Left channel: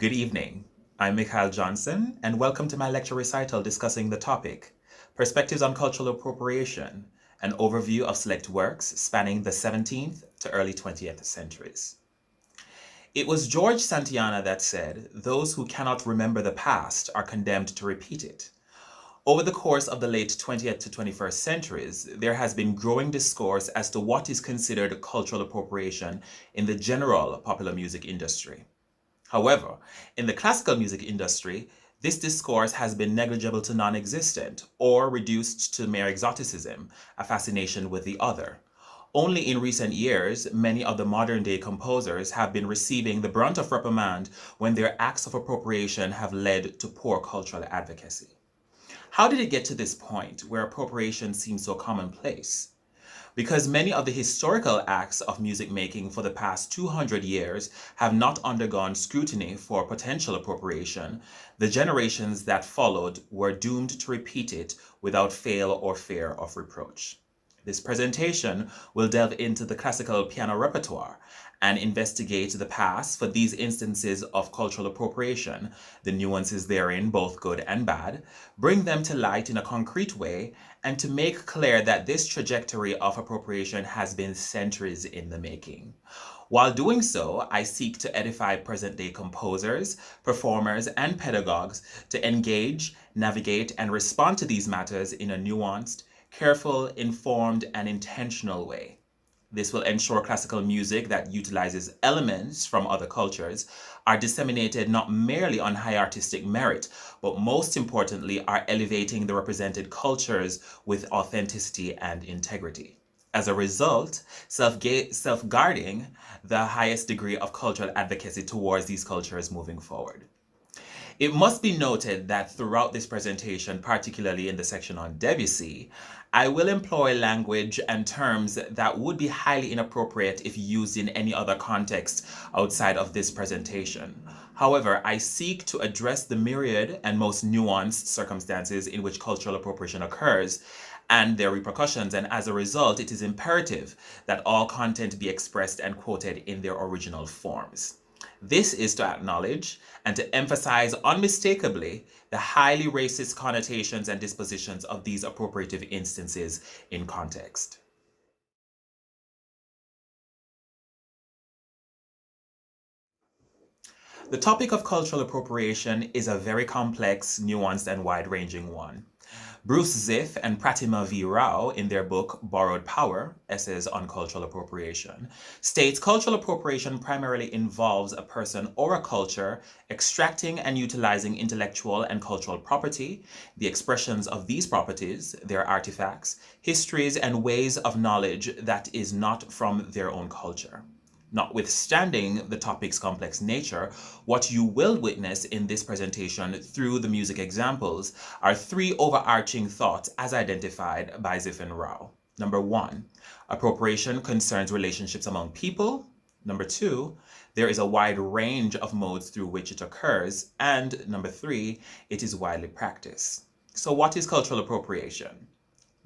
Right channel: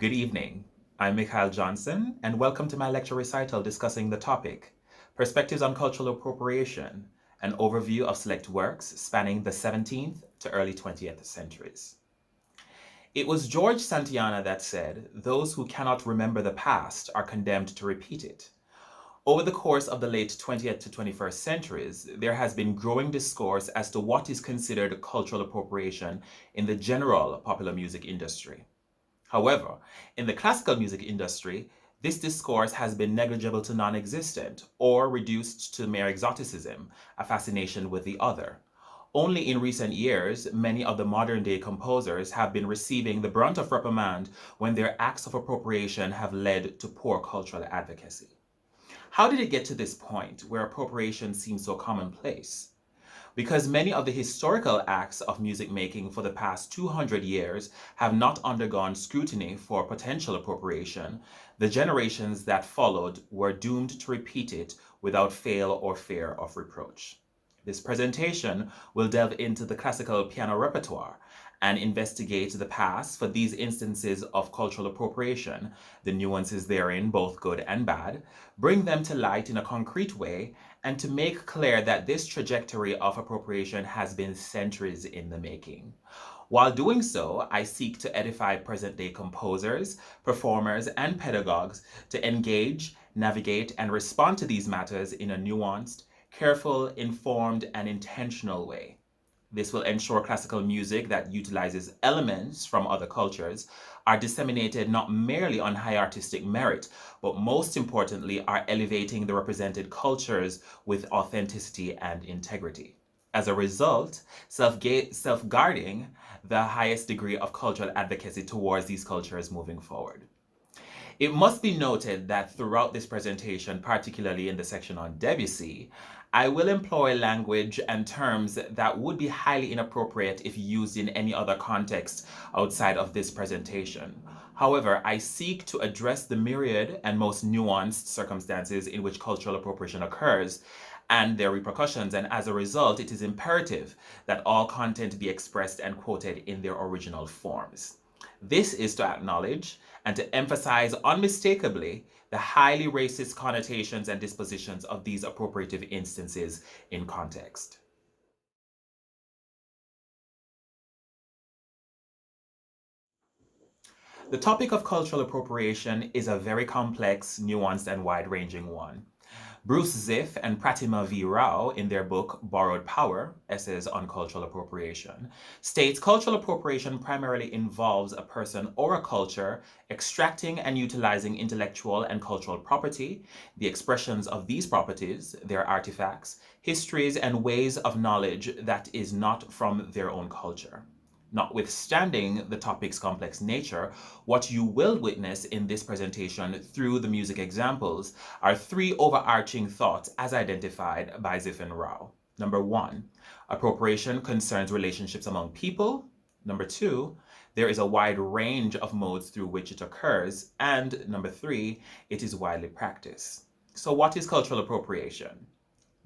Good evening. I'm Mikhail Johnson, and welcome to my lecture recital discussing the topic, Perspectives on Cultural Appropriation, an overview of select works spanning the 17th to early 20th centuries. It was George Santayana that said, "Those who cannot remember the past are condemned to repeat it." Over the course of the late 20th to 21st centuries, there has been growing discourse as to what is considered cultural appropriation in the general popular music industry. However, in the classical music industry, this discourse has been negligible to non-existent or reduced to mere exoticism, a fascination with the other. Only in recent years, many of the modern-day composers have been receiving the brunt of reprimand when their acts of appropriation have led to poor cultural advocacy. How did it get to this point where appropriation seems so commonplace? Because many of the historical acts of music making for the past 200 years have not undergone scrutiny for potential appropriation, the generations that followed were doomed to repeat it without fail or fear of reproach. This presentation will delve into the classical piano repertoire and investigate the past for these instances of cultural appropriation, the nuances therein, both good and bad, bring them to light in a concrete way, and to make clear that this trajectory of appropriation has been centuries in the making. While doing so, I seek to edify present-day composers, performers, and pedagogues to engage, navigate, and respond to these matters in a nuanced, careful, informed, and intentional way. This will ensure classical music that utilizes elements from other cultures are disseminated not merely on high artistic merit, but most importantly are elevating the represented cultures with authenticity and integrity. As a result, safeguarding the highest degree of cultural advocacy towards these cultures moving forward. It must be noted that throughout this presentation, particularly in the section on Debussy, I will employ language and terms that would be highly inappropriate if used in any other context outside of this presentation. However, I seek to address the myriad and most nuanced circumstances in which cultural appropriation occurs and their repercussions, and as a result, it is imperative that all content be expressed and quoted in their original forms. This is to acknowledge and to emphasize unmistakably the highly racist connotations and dispositions of these appropriative instances in context. The topic of cultural appropriation is a very complex, nuanced, and wide-ranging one. Bruce Ziff and Pratima V. Rao, in their book Borrowed Power, Essays on Cultural Appropriation, states cultural appropriation primarily involves a person or a culture extracting and utilizing intellectual and cultural property, the expressions of these properties, their artifacts, histories, and ways of knowledge that is not from their own culture. Notwithstanding the topic's complex nature, what you will witness in this presentation through the music examples are three overarching thoughts as identified by Ziff and Rao. Number one, appropriation concerns relationships among people. Number two, there is a wide range of modes through which it occurs. And number three, it is widely practiced. So what is cultural appropriation?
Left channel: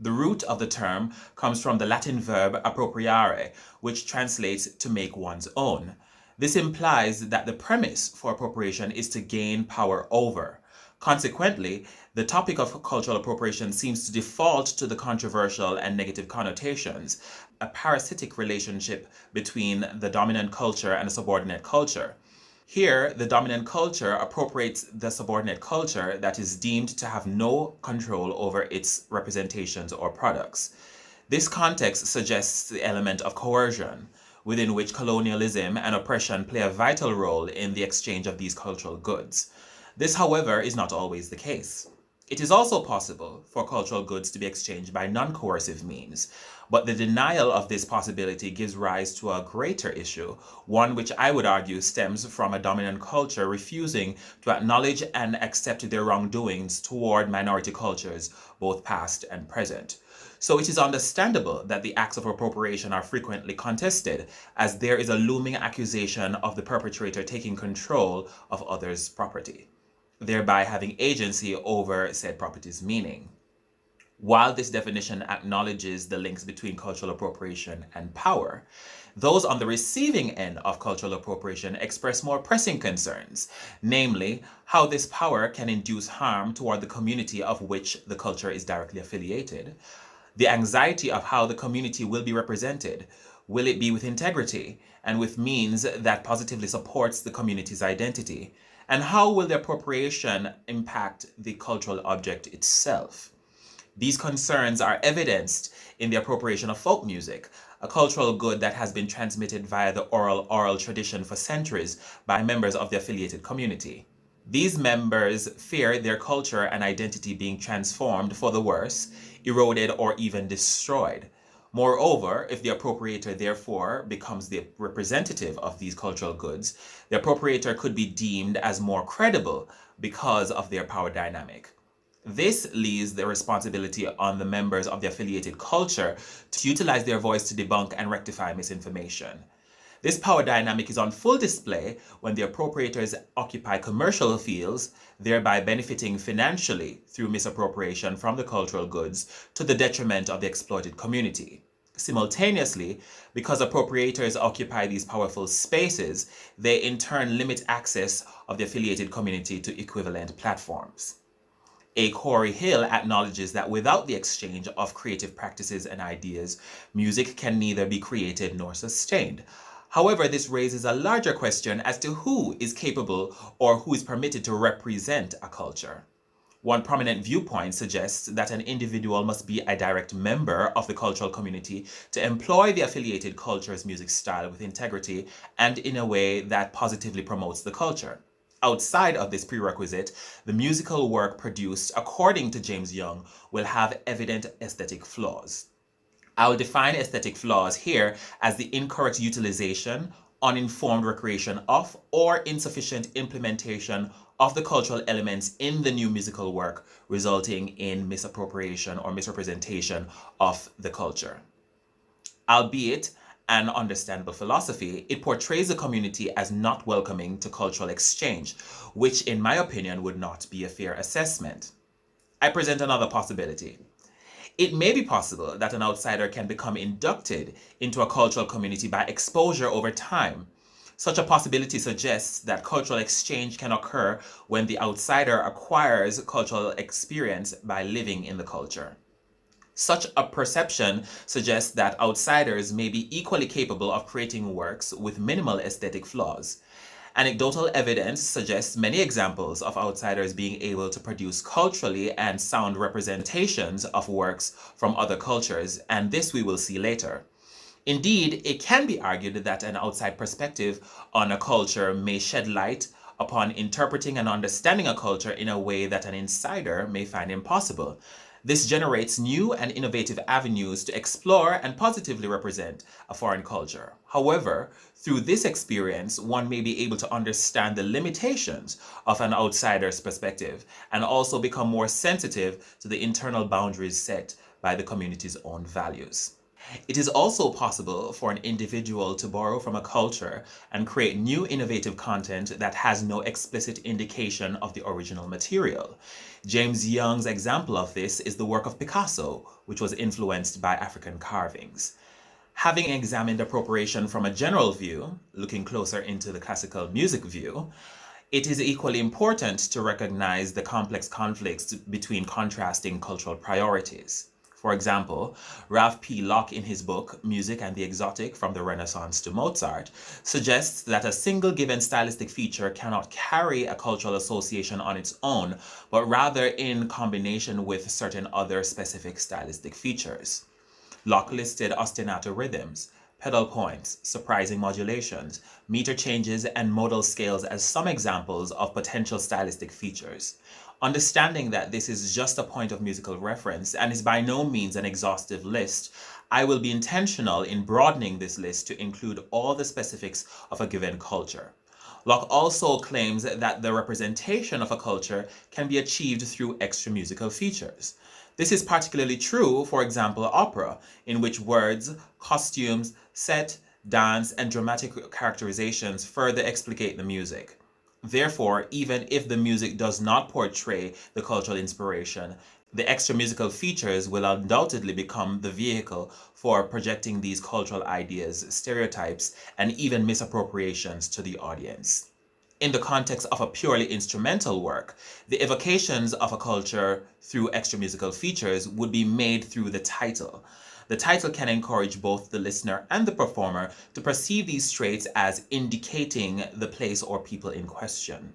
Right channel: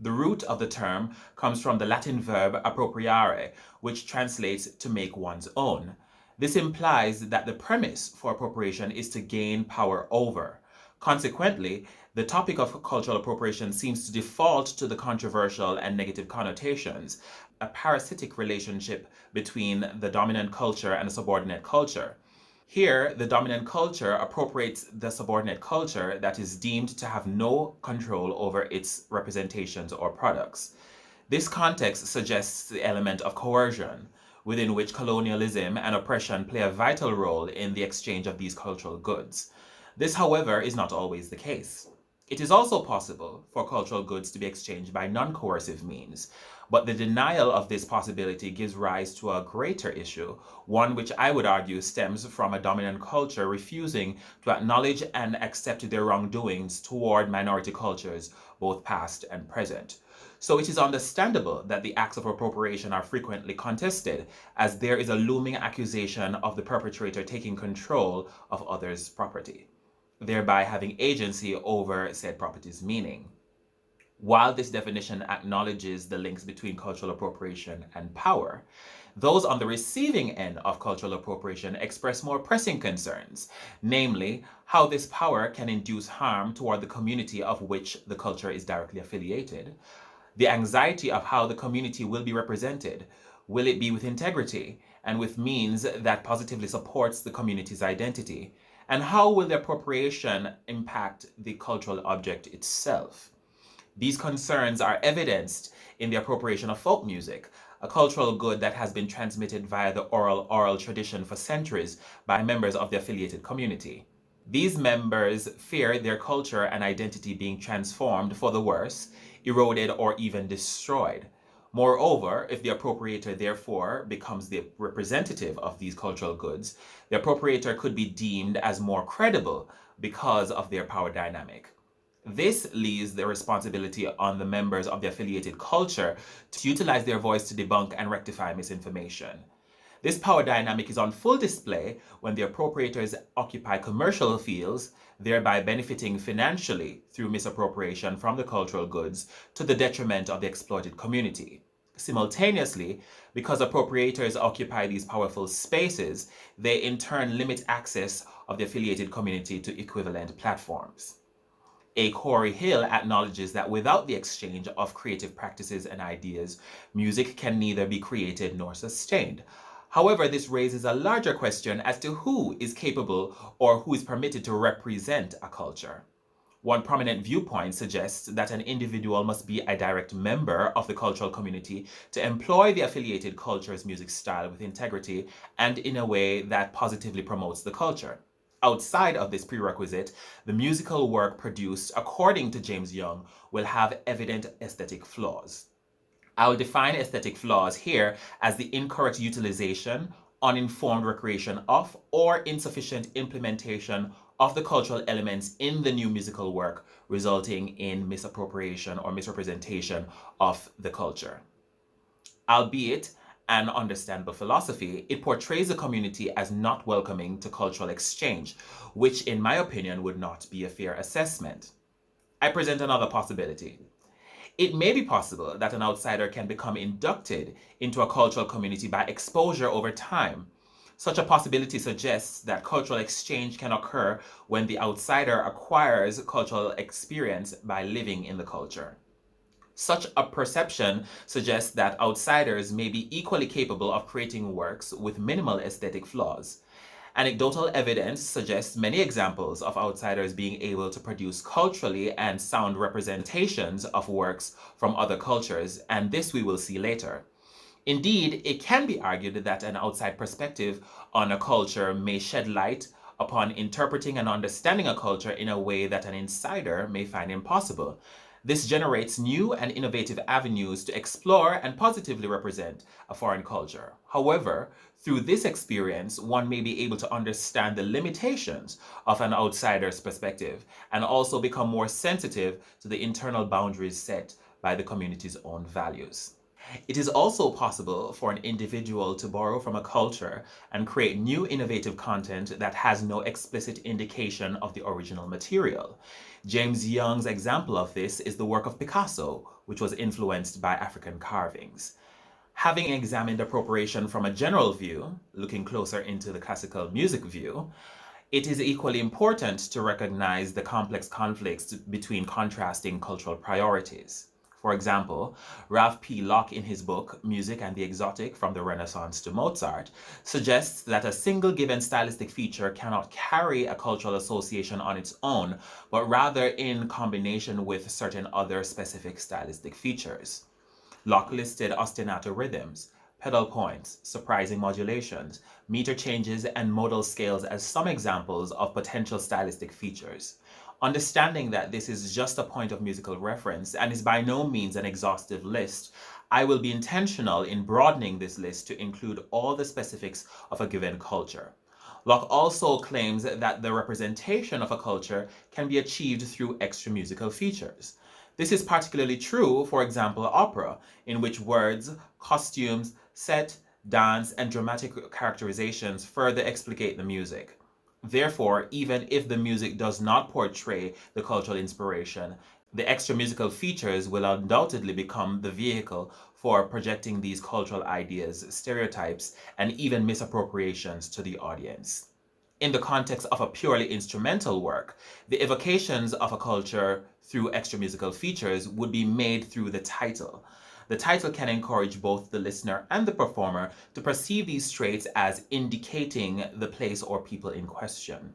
The root of the term comes from the Latin verb appropriare, which translates to make one's own. This implies that the premise for appropriation is to gain power over. Consequently, the topic of cultural appropriation seems to default to the controversial and negative connotations, a parasitic relationship between the dominant culture and a subordinate culture. Here, the dominant culture appropriates the subordinate culture that is deemed to have no control over its representations or products. This context suggests the element of coercion, within which colonialism and oppression play a vital role in the exchange of these cultural goods. This, however, is not always the case. It is also possible for cultural goods to be exchanged by non-coercive means, but the denial of this possibility gives rise to a greater issue, one which I would argue stems from a dominant culture refusing to acknowledge and accept their wrongdoings toward minority cultures, both past and present. So it is understandable that the acts of appropriation are frequently contested, as there is a looming accusation of the perpetrator taking control of others' property, thereby having agency over said property's meaning. While this definition acknowledges the links between cultural appropriation and power, Those on the receiving end of cultural appropriation express more pressing concerns, namely, how this power can induce harm toward the community of which the culture is directly affiliated, the anxiety of how the community will be represented. Will it be with integrity and with means that positively supports the community's identity? And how will the appropriation impact the cultural object itself? These concerns are evidenced in the appropriation of folk music, a cultural good that has been transmitted via the oral tradition for centuries by members of the affiliated community. These members fear their culture and identity being transformed for the worse, eroded, or even destroyed. Moreover, if the appropriator therefore becomes the representative of these cultural goods, the appropriator could be deemed as more credible because of their power dynamic. This leaves the responsibility on the members of the affiliated culture to utilize their voice to debunk and rectify misinformation. This power dynamic is on full display when the appropriators occupy commercial fields, thereby benefiting financially through misappropriation from the cultural goods to the detriment of the exploited community. Simultaneously, because appropriators occupy these powerful spaces, they in turn limit access of the affiliated community to equivalent platforms. A. Corey Hill acknowledges that without the exchange of creative practices and ideas, music can neither be created nor sustained. However, this raises a larger question as to who is capable or who is permitted to represent a culture. One prominent viewpoint suggests that an individual must be a direct member of the cultural community to employ the affiliated culture's music style with integrity and in a way that positively promotes the culture. Outside of this prerequisite, the musical work produced, according to James Young, will have evident aesthetic flaws. I'll define aesthetic flaws here as the incorrect utilization, uninformed recreation of, or insufficient implementation of the cultural elements in the new musical work, resulting in misappropriation or misrepresentation of the culture. Albeit an understandable philosophy, it portrays the community as not welcoming to cultural exchange, which in my opinion would not be a fair assessment. I present another possibility. It may be possible that an outsider can become inducted into a cultural community by exposure over time. Such a possibility suggests that cultural exchange can occur when the outsider acquires cultural experience by living in the culture. Such a perception suggests that outsiders may be equally capable of creating works with minimal aesthetic flaws. Anecdotal evidence suggests many examples of outsiders being able to produce culturally and sound representations of works from other cultures, and this we will see later. Indeed, it can be argued that an outside perspective on a culture may shed light upon interpreting and understanding a culture in a way that an insider may find impossible. This generates new and innovative avenues to explore and positively represent a foreign culture. However, through this experience, one may be able to understand the limitations of an outsider's perspective and also become more sensitive to the internal boundaries set by the community's own values. It is also possible for an individual to borrow from a culture and create new innovative content that has no explicit indication of the original material. James Young's example of this is the work of Picasso, which was influenced by African carvings. Having examined appropriation from a general view, looking closer into the classical music view, it is equally important to recognize the complex conflicts between contrasting cultural priorities. For example, Ralph P. Locke in his book, Music and the Exotic from the Renaissance to Mozart, suggests that a single given stylistic feature cannot carry a cultural association on its own, but rather in combination with certain other specific stylistic features. Locke listed ostinato rhythms, pedal points, surprising modulations, meter changes, and modal scales as some examples of potential stylistic features. Understanding that this is just a point of musical reference and is by no means an exhaustive list, I will be intentional in broadening this list to include all the specifics of a given culture. Locke also claims that the representation of a culture can be achieved through extra musical features. This is particularly true, for example, opera, in which words, costumes, set, dance, and dramatic characterizations further explicate the music. Therefore, even if the music does not portray the cultural inspiration, The extra musical features will undoubtedly become the vehicle for projecting these cultural ideas, stereotypes, and even misappropriations to the audience. In the context of a purely instrumental work, the evocations of a culture through extra musical features would be made through the title. The title can encourage both the listener and the performer to perceive these traits as indicating the place or people in question.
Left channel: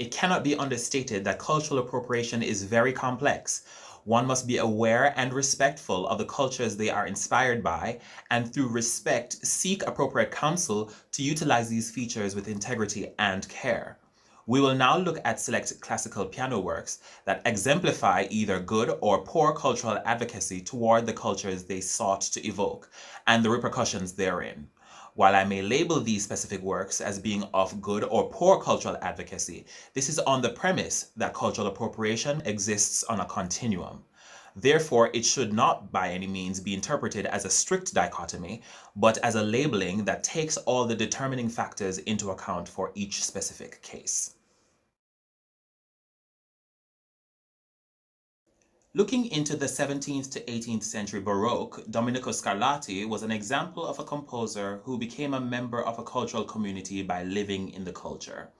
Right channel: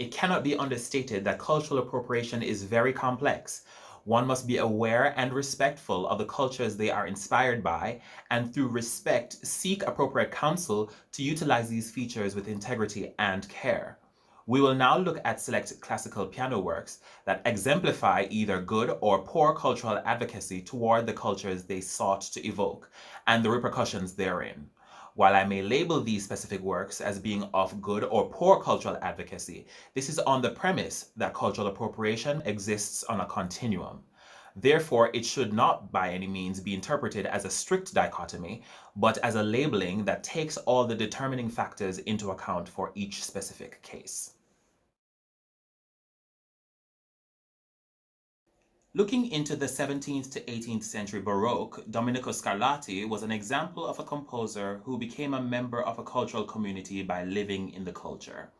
It cannot be understated that cultural appropriation is very complex. One must be aware and respectful of the cultures they are inspired by, and through respect, seek appropriate counsel to utilize these features with integrity and care. We will now look at select classical piano works that exemplify either good or poor cultural advocacy toward the cultures they sought to evoke, and the repercussions therein. While I may label these specific works as being of good or poor cultural advocacy, this is on the premise that cultural appropriation exists on a continuum. Therefore, it should not by any means be interpreted as a strict dichotomy, but as a labeling that takes all the determining factors into account for each specific case. Looking into the 17th to 18th century Baroque, Domenico Scarlatti was an example of a composer who became a member of a cultural community by living in the culture.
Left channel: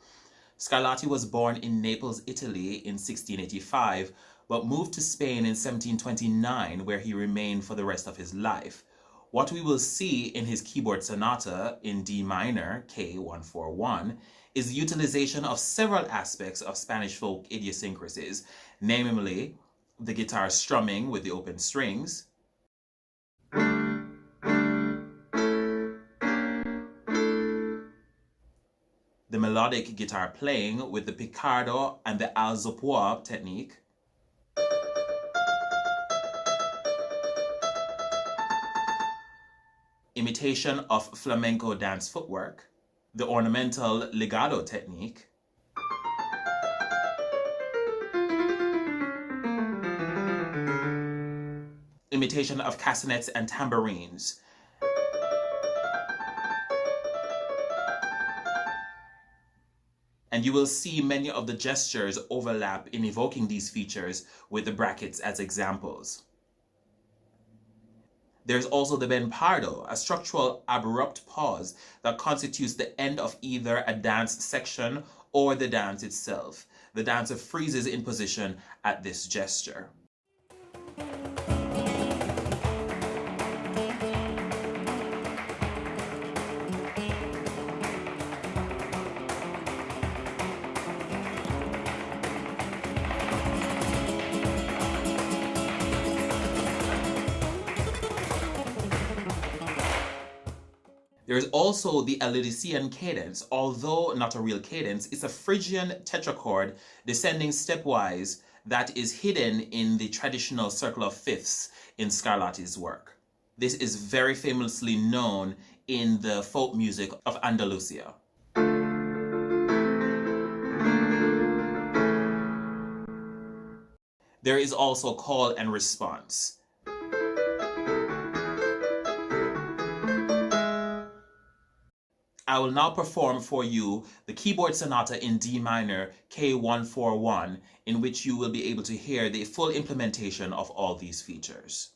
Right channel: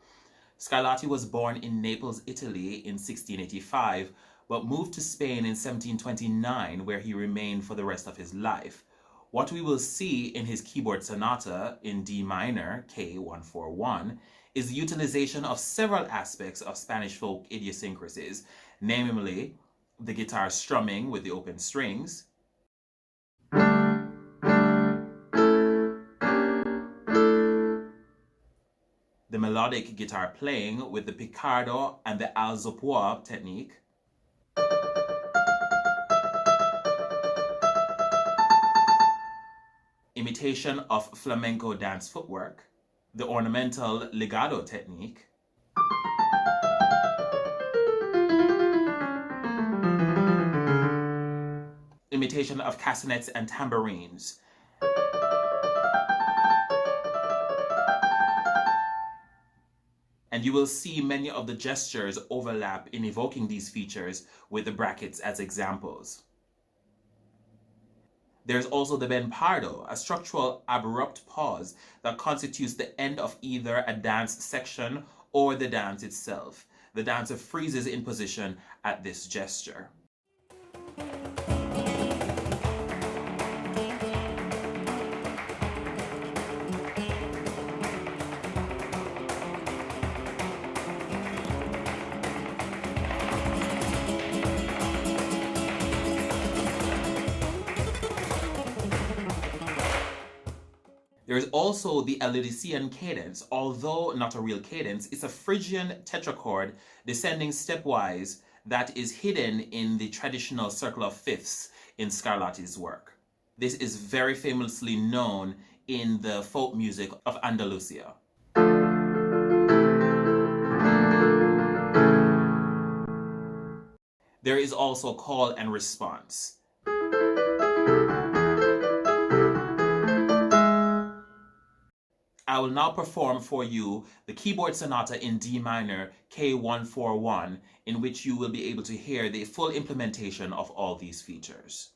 Scarlatti was born in Naples, Italy in 1685, but moved to Spain in 1729, where he remained for the rest of his life. What we will see in his keyboard sonata in D minor, K141, is the utilization of several aspects of Spanish folk idiosyncrasies, namely the guitar strumming with the open strings, the melodic guitar playing with the piccardo and the alzopoa technique, imitation of flamenco dance footwork, the ornamental legato technique, imitation of castanets and tambourines, and you will see many of the gestures overlap in evoking these features with the brackets as examples. There's also the ben pardo, a structural abrupt pause that constitutes the end of either a dance section or the dance itself. The dancer freezes in position at this gesture. There is also the Alidician cadence. Although not a real cadence, it's a Phrygian tetrachord descending stepwise that is hidden in the traditional circle of fifths in Scarlatti's work. This is very famously known in the folk music of Andalusia. There is also call and response. I will now perform for you the keyboard sonata in D minor, K141, in which you will be able to hear the full implementation of all these features.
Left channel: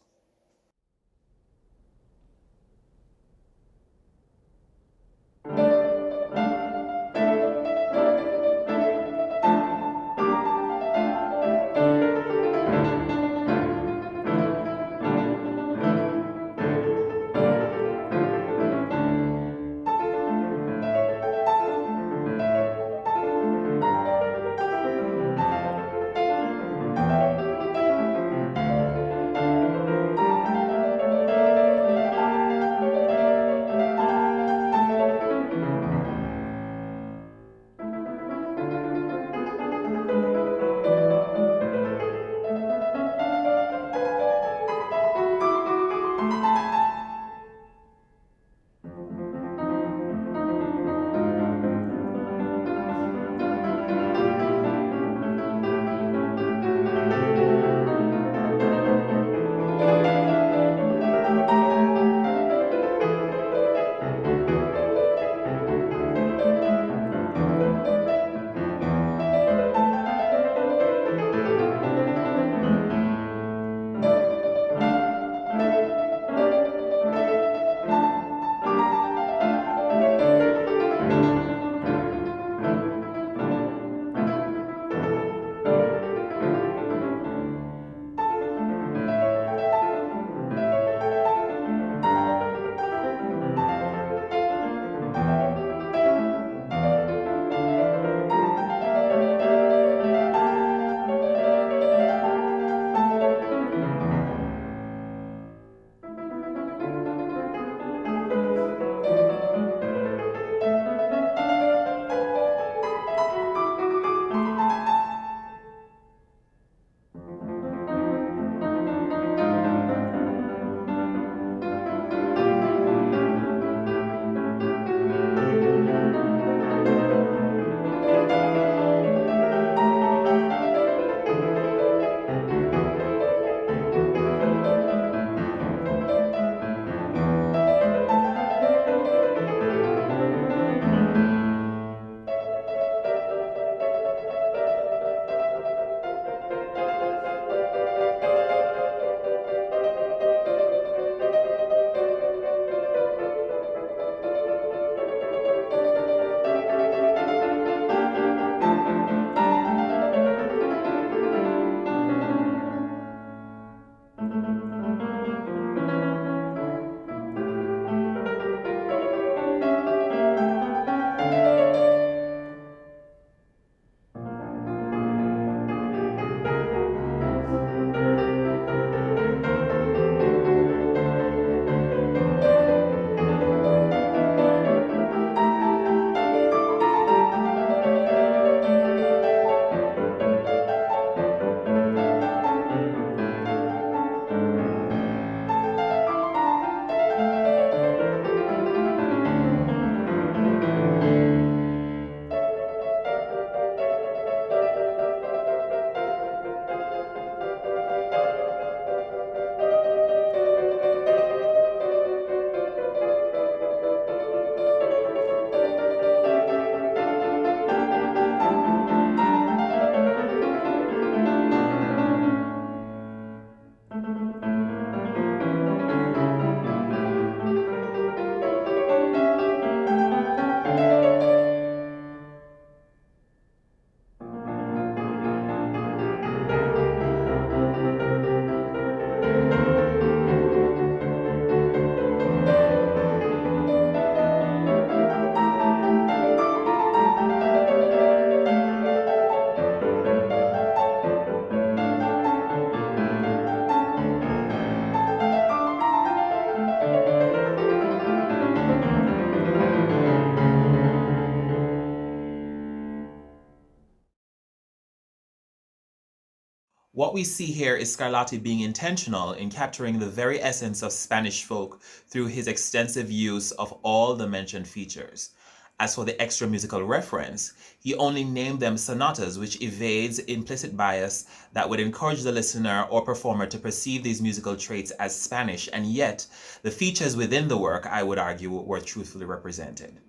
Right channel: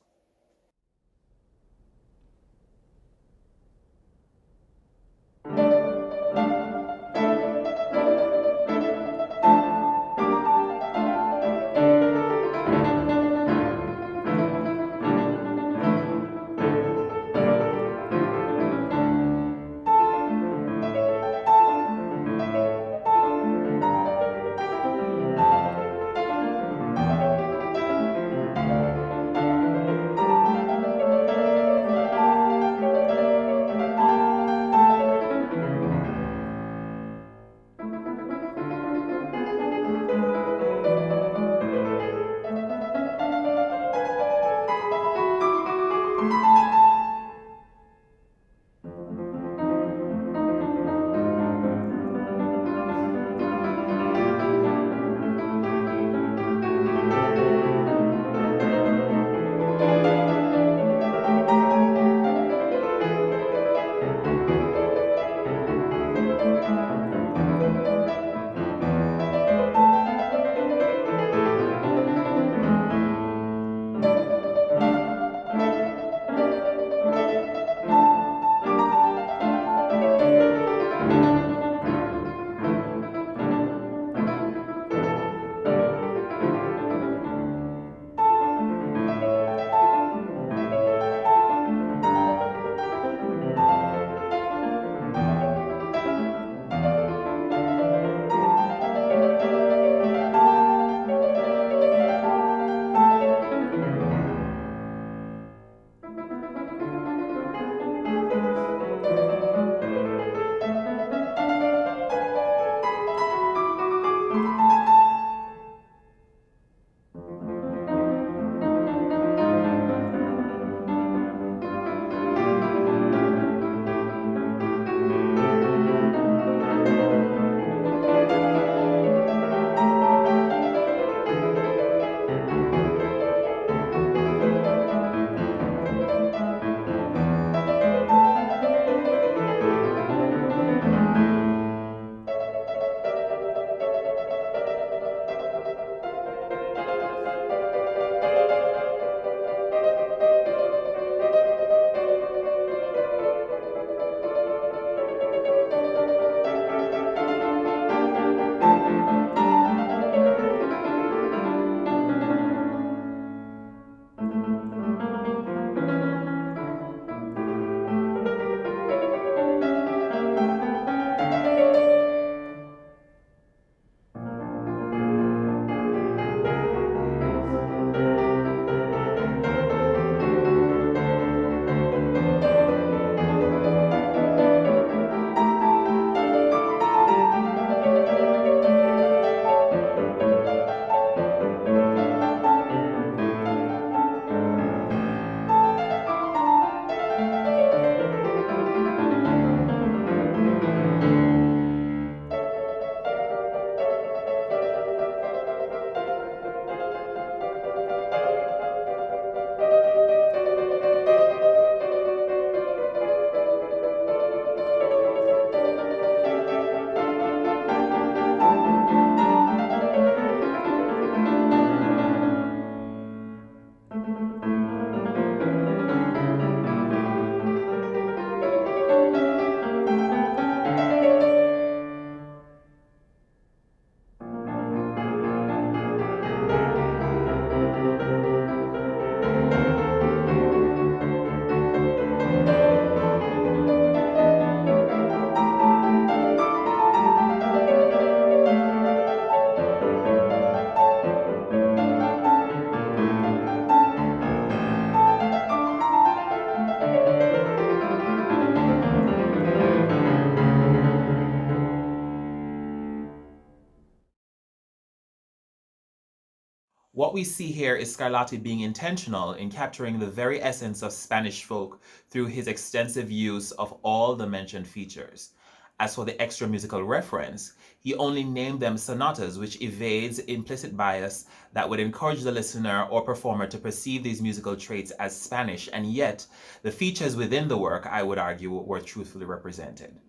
What we see here is Scarlatti being intentional in capturing the very essence of Spanish folk through his extensive use of all the mentioned features. As for the extra musical reference, he only named them sonatas, which evades implicit bias that would encourage the listener or performer to perceive these musical traits as Spanish, and yet the features within the work, I would argue, were truthfully represented.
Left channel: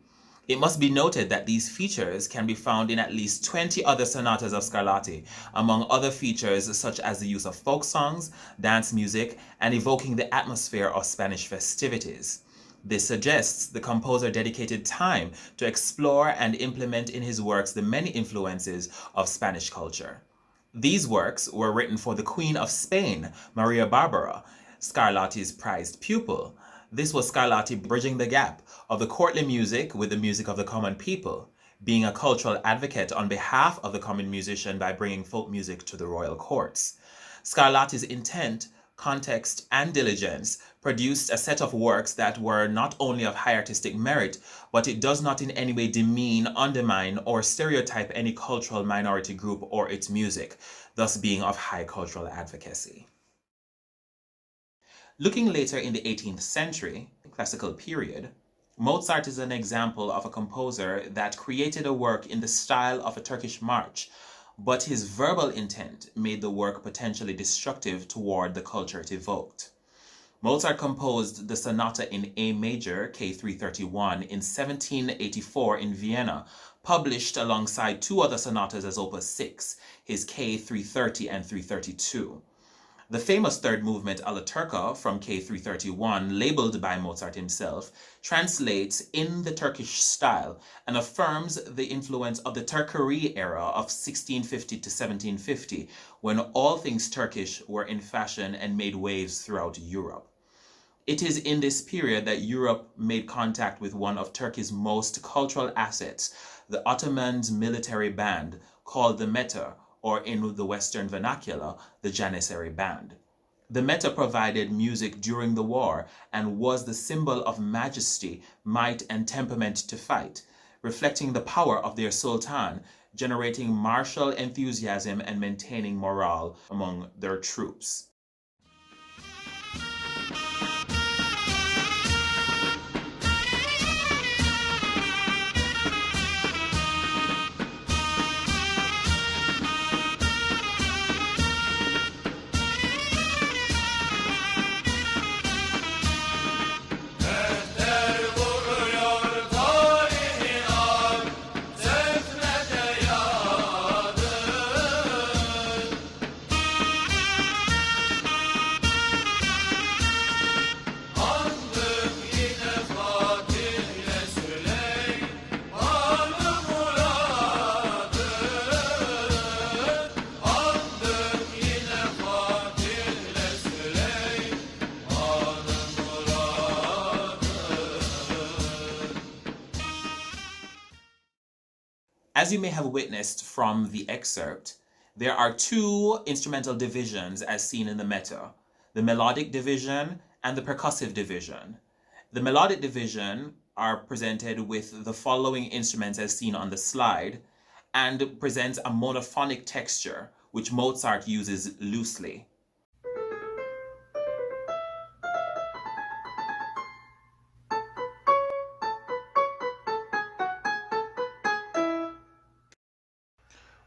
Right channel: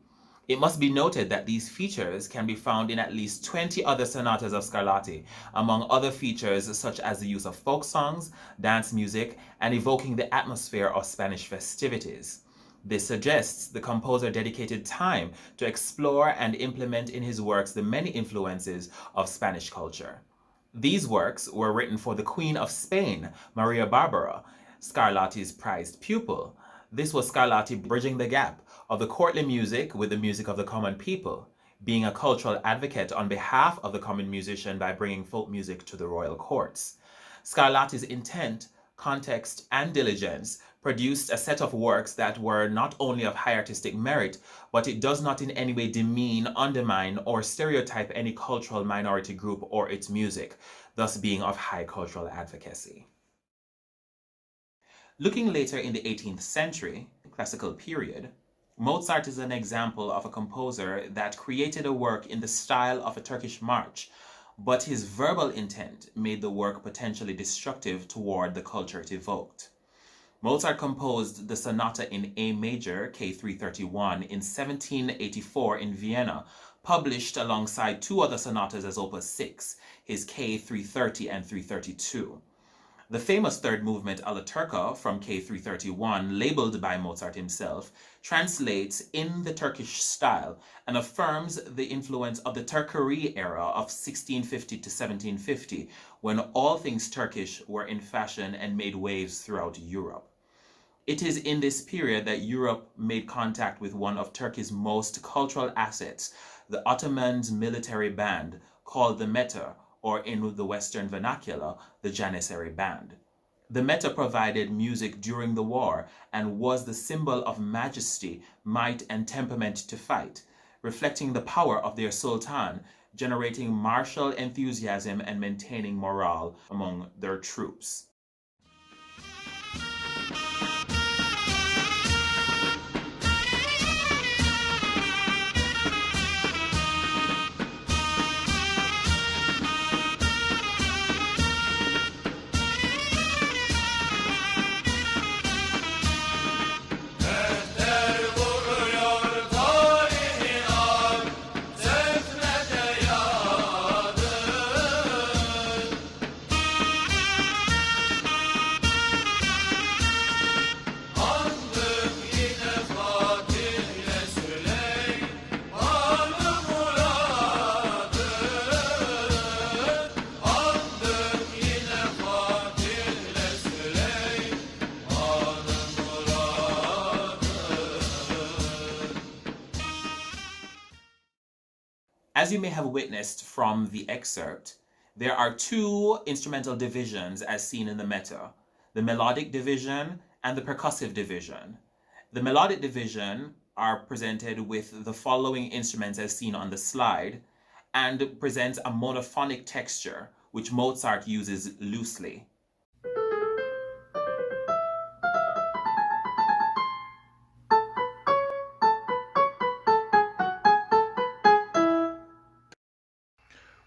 It must be noted that these features can be found in at least 20 other sonatas of Scarlatti, among other features such as the use of folk songs, dance music, and evoking the atmosphere of Spanish festivities. This suggests the composer dedicated time to explore and implement in his works the many influences of Spanish culture. These works were written for the Queen of Spain, Maria Barbara, Scarlatti's prized pupil. This was Scarlatti bridging the gap of the courtly music with the music of the common people, being a cultural advocate on behalf of the common musician by bringing folk music to the royal courts. Scarlatti's intent, context, and diligence produced a set of works that were not only of high artistic merit, but it does not in any way demean, undermine, or stereotype any cultural minority group or its music, thus being of high cultural advocacy. Looking later in the 18th century, classical period, Mozart is an example of a composer that created a work in the style of a Turkish march, but his verbal intent made the work potentially destructive toward the culture it evoked. Mozart composed the sonata in A major, K331, in 1784 in Vienna, published alongside two other sonatas as Opus 6, his K330 and 332. The famous third movement, Alla Turca, from K331, labeled by Mozart himself, translates in the Turkish style and affirms the influence of the Turkerie era of 1650 to 1750, when all things Turkish were in fashion and made waves throughout Europe. It is in this period that Europe made contact with one of Turkey's most cultural assets, the Ottoman's military band, called the mether, or in the Western vernacular, the Janissary Band. The mether provided music during the war and was the symbol of majesty, might, and temperament to fight, reflecting the power of their sultan, generating martial enthusiasm and maintaining morale among their troops. As you may have witnessed from the excerpt, there are two instrumental divisions as seen in the mether, the melodic division and the percussive division. The melodic division are presented with the following instruments as seen on the slide and presents a monophonic texture, which Mozart uses loosely.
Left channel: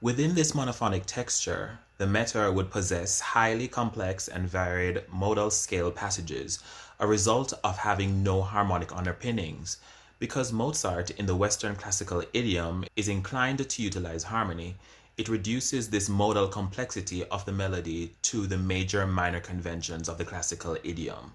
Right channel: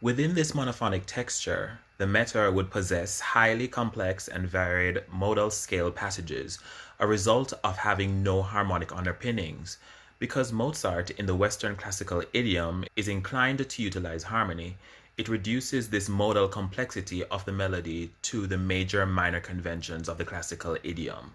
Within this monophonic texture, the mether would possess highly complex and varied modal scale passages, a result of having no harmonic underpinnings. Because Mozart, in the Western classical idiom, is inclined to utilize harmony, it reduces this modal complexity of the melody to the major-minor conventions of the classical idiom.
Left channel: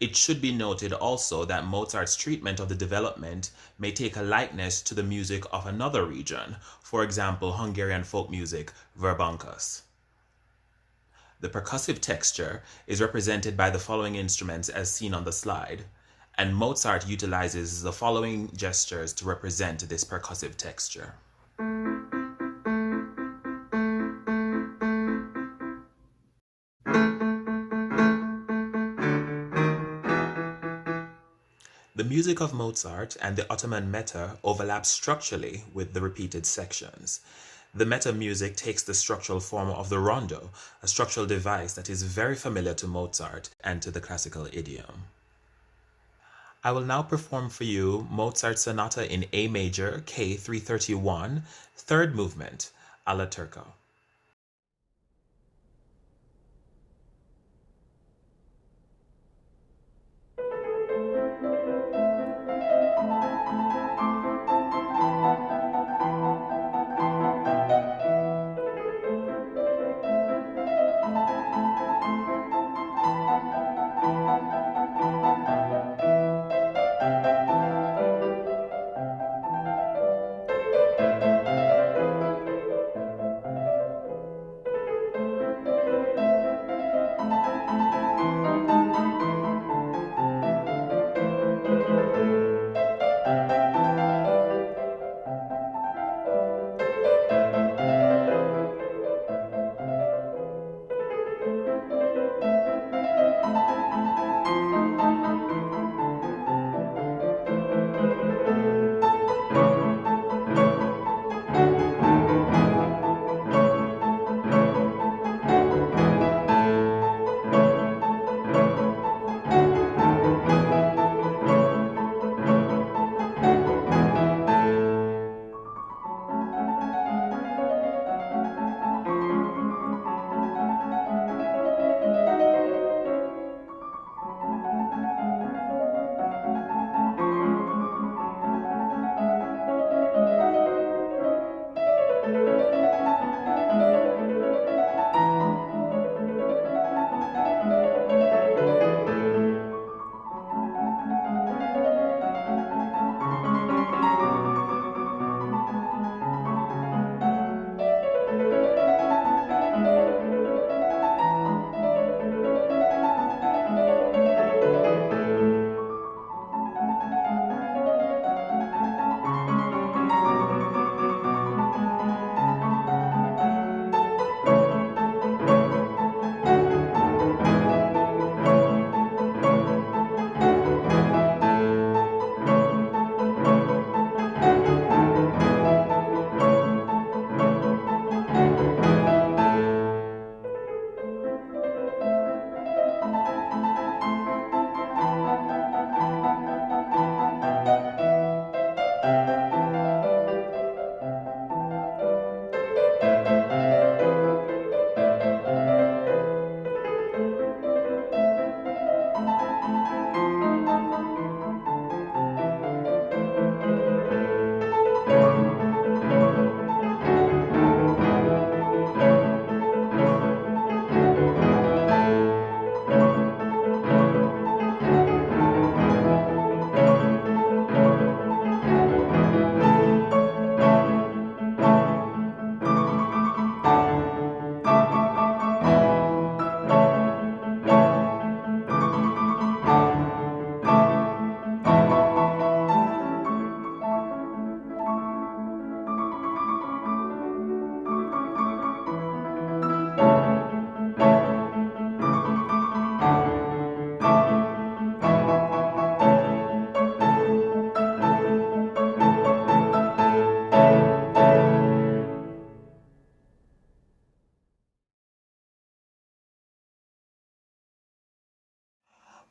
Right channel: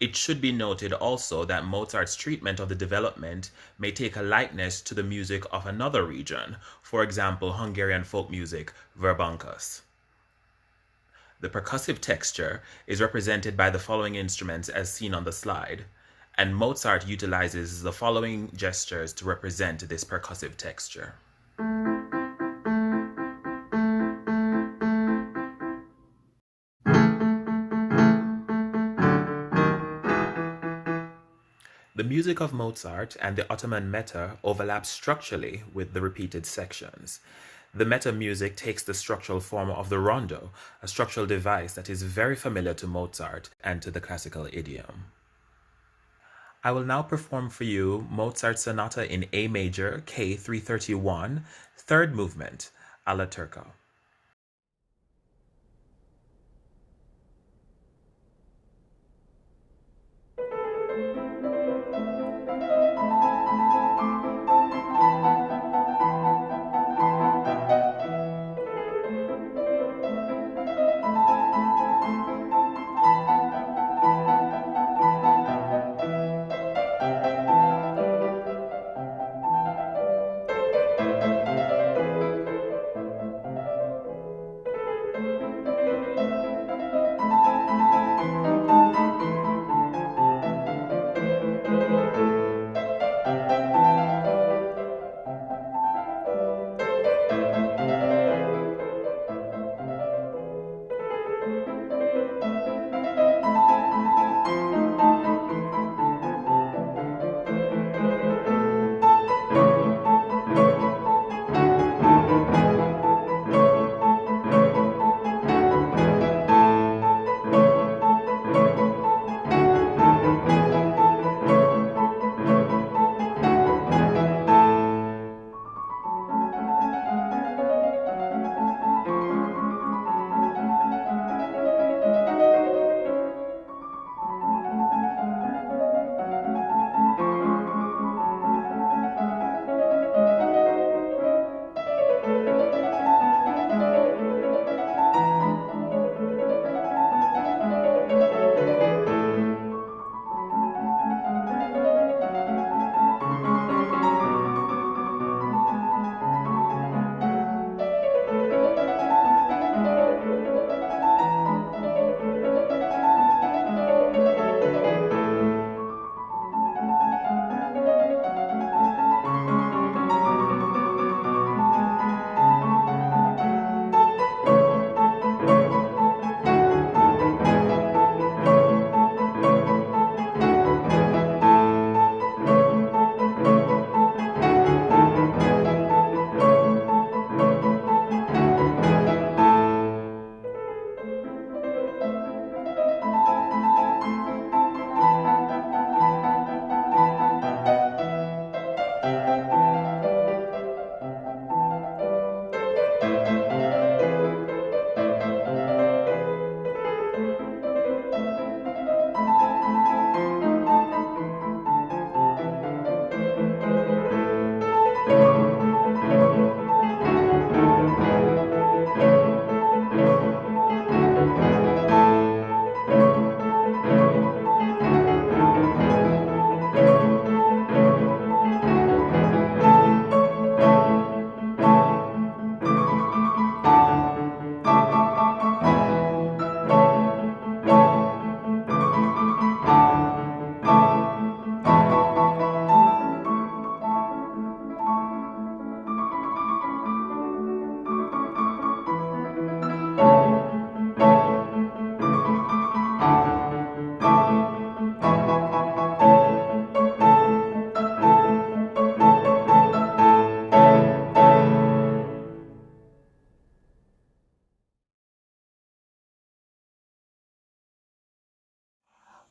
It should be noted also that Mozart's treatment of the development may take a likeness to the music of another region, for example, Hungarian folk music, verbunkus. The percussive texture is represented by the following instruments as seen on the slide, and Mozart utilizes the following gestures to represent this percussive texture. The music of Mozart and the Ottoman mether overlaps structurally with the repeated sections. The mether music takes the structural form of the rondo, a structural device that is very familiar to Mozart and to the classical idiom. I will now perform for you Mozart's Sonata in A major, K 331, third movement, Alla Turca.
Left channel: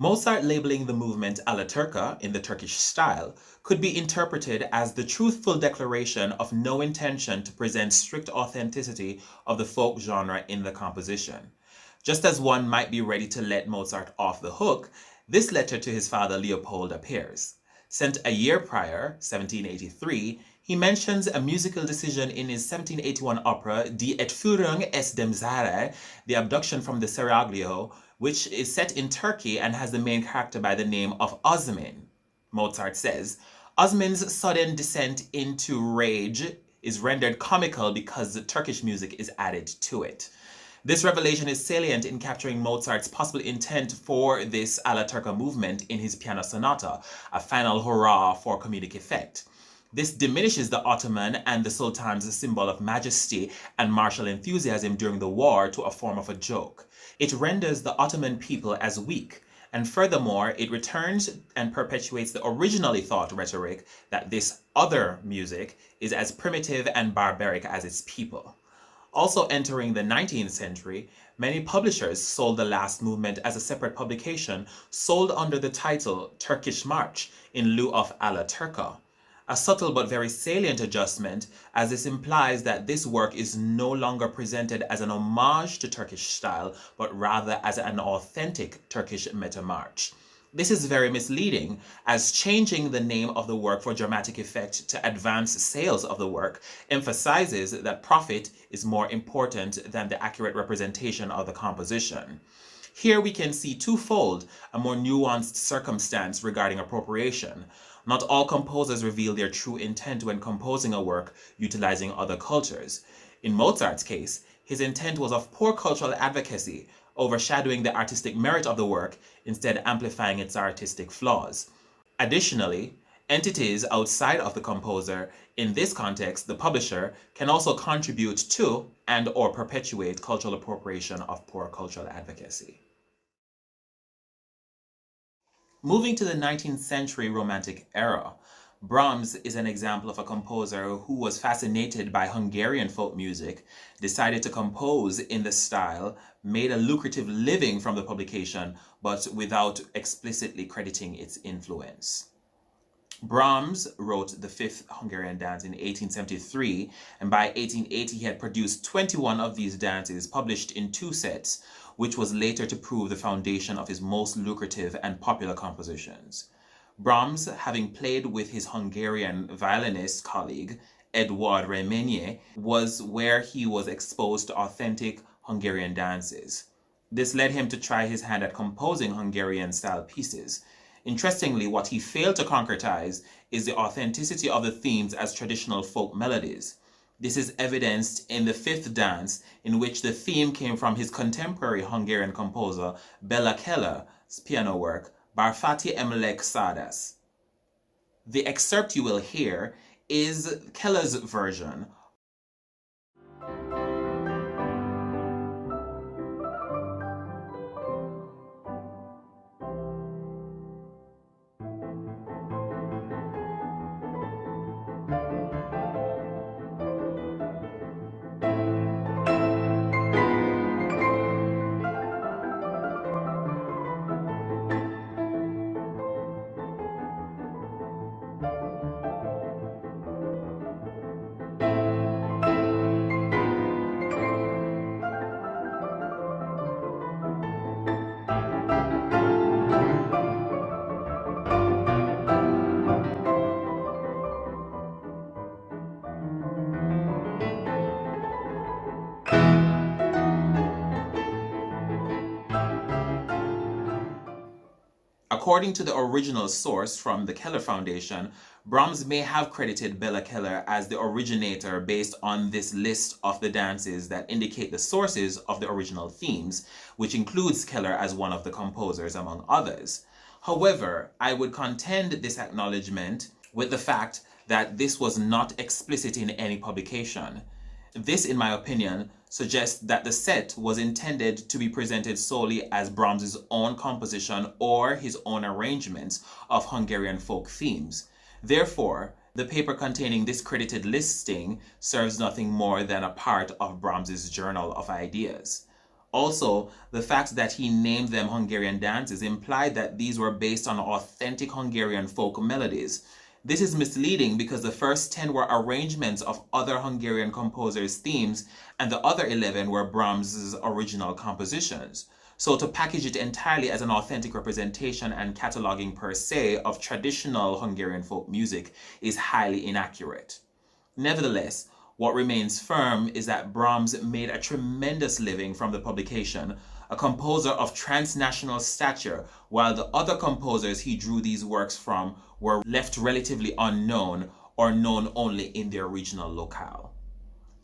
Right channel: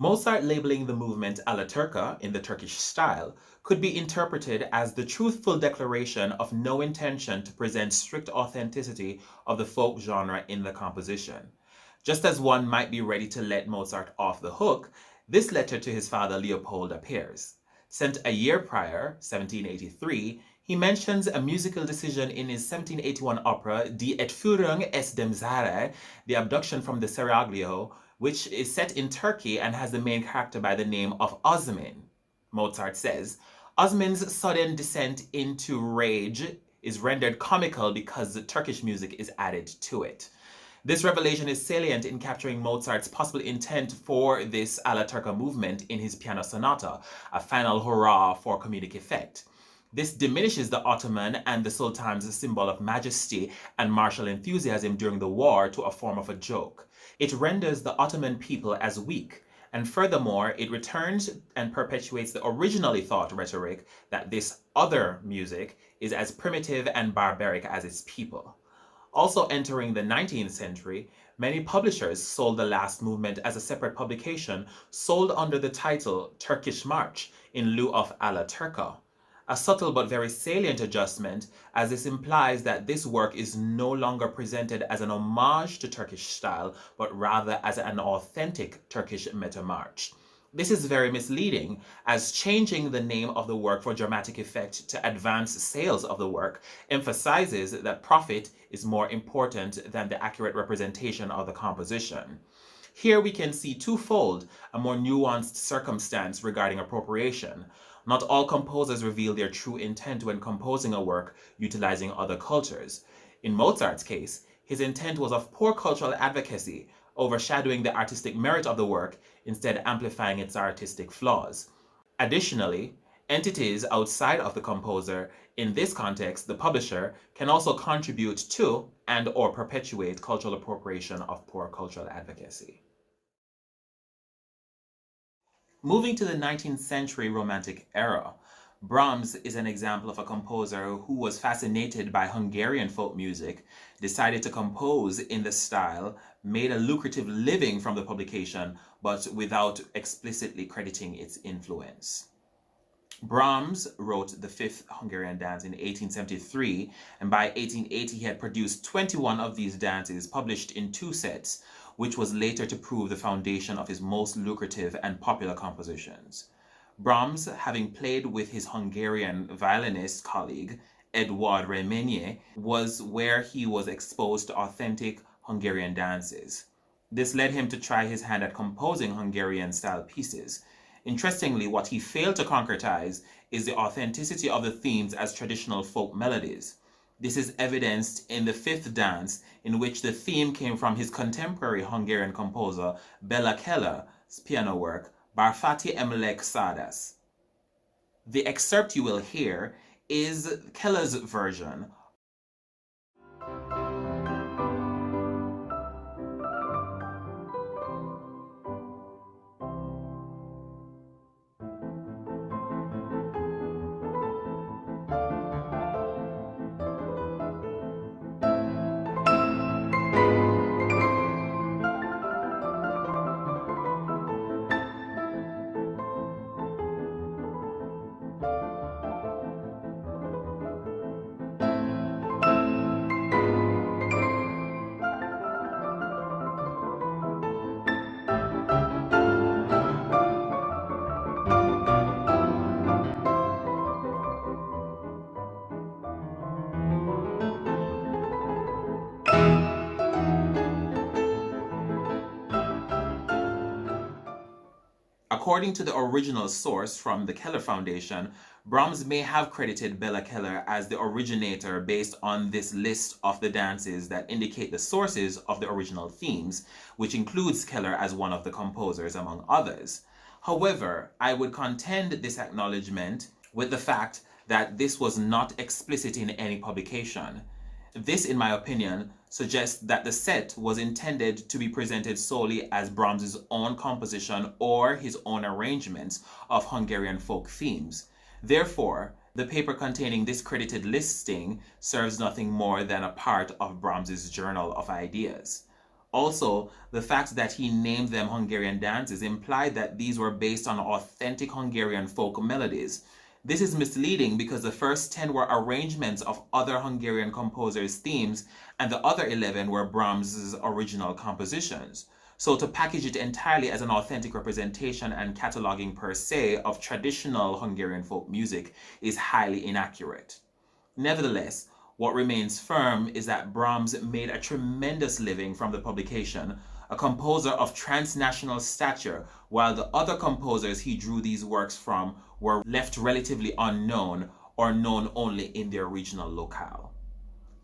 Mozart labeling the movement Alla Turca in the Turkish style could be interpreted as the truthful declaration of no intention to present strict authenticity of the folk genre in the composition. Just as one might be ready to let Mozart off the hook, this letter to his father Leopold appears. Sent a year prior, 1783, he mentions a musical decision in his 1781 opera Die Entführung aus dem Saare, The Abduction from the Seraglio, which is set in Turkey and has the main character by the name of Osman. Mozart says, Osman's sudden descent into rage is rendered comical because the Turkish music is added to it. This revelation is salient in capturing Mozart's possible intent for this Alla Turca movement in his piano sonata, a final hurrah for comedic effect. This diminishes the Ottoman and the Sultan's symbol of majesty and martial enthusiasm during the war to a form of a joke. It renders the Ottoman people as weak, And furthermore, it returns and perpetuates the originally thought rhetoric that this other music is as primitive and barbaric as its people. Also entering the 19th century, many publishers sold the last movement as a separate publication sold under the title Turkish March in lieu of Alla Turca. A subtle but very salient adjustment, as this implies that this work is no longer presented as an homage to Turkish style, but rather as an authentic Turkish meta march. This is very misleading, as changing the name of the work for dramatic effect to advance sales of the work emphasizes that profit is more important than the accurate representation of the composition. Here we can see twofold a more nuanced circumstance regarding appropriation. Not all composers reveal their true intent when composing a work utilizing other cultures. In Mozart's case, his intent was of poor cultural advocacy, overshadowing the artistic merit of the work, instead amplifying its artistic flaws. Additionally, entities outside of the composer, in this context the publisher, can also contribute to and/or perpetuate cultural appropriation of poor cultural advocacy. Moving to the 19th century Romantic era, Brahms is an example of a composer who was fascinated by Hungarian folk music, decided to compose in the style, made a lucrative living from the publication, but without explicitly crediting its influence. Brahms wrote the Fifth Hungarian Dance in 1873, and by 1880 he had produced 21 of these dances published in 2 sets, which was later to prove the foundation of his most lucrative and popular compositions. Brahms, having played with his Hungarian violinist colleague, Eduard Reményi, was where he was exposed to authentic Hungarian dances. This led him to try his hand at composing Hungarian-style pieces. Interestingly, what he failed to concretize is the authenticity of the themes as traditional folk melodies. This is evidenced in the 5th dance, in which the theme came from his contemporary Hungarian composer Bela Keller's piano work, Barfati Emlek Sadas. The excerpt you will hear is Keller's version. According to the original source from the Keller Foundation, Brahms may have credited Bela Keller as the originator based on this list of the dances that indicate the sources of the original themes, which includes Keller as one of the composers among others. However, I would contend this acknowledgement with the fact that this was not explicit in any publication. This, in my opinion, suggests that the set was intended to be presented solely as Brahms's own composition or his own arrangements of Hungarian folk themes. Therefore, the paper containing this credited listing serves nothing more than a part of Brahms's journal of ideas. Also, the fact that he named them Hungarian dances implied that these were based on authentic Hungarian folk melodies. This is misleading because the first 10 were arrangements of other Hungarian composers' themes, and the other 11 were Brahms's original compositions. So to package it entirely as an authentic representation and cataloging per se of traditional Hungarian folk music is highly inaccurate. Nevertheless, what remains firm is that Brahms made a tremendous living from the publication, a composer of transnational stature, while the other composers he drew these works from were left relatively unknown or known only in their regional locale.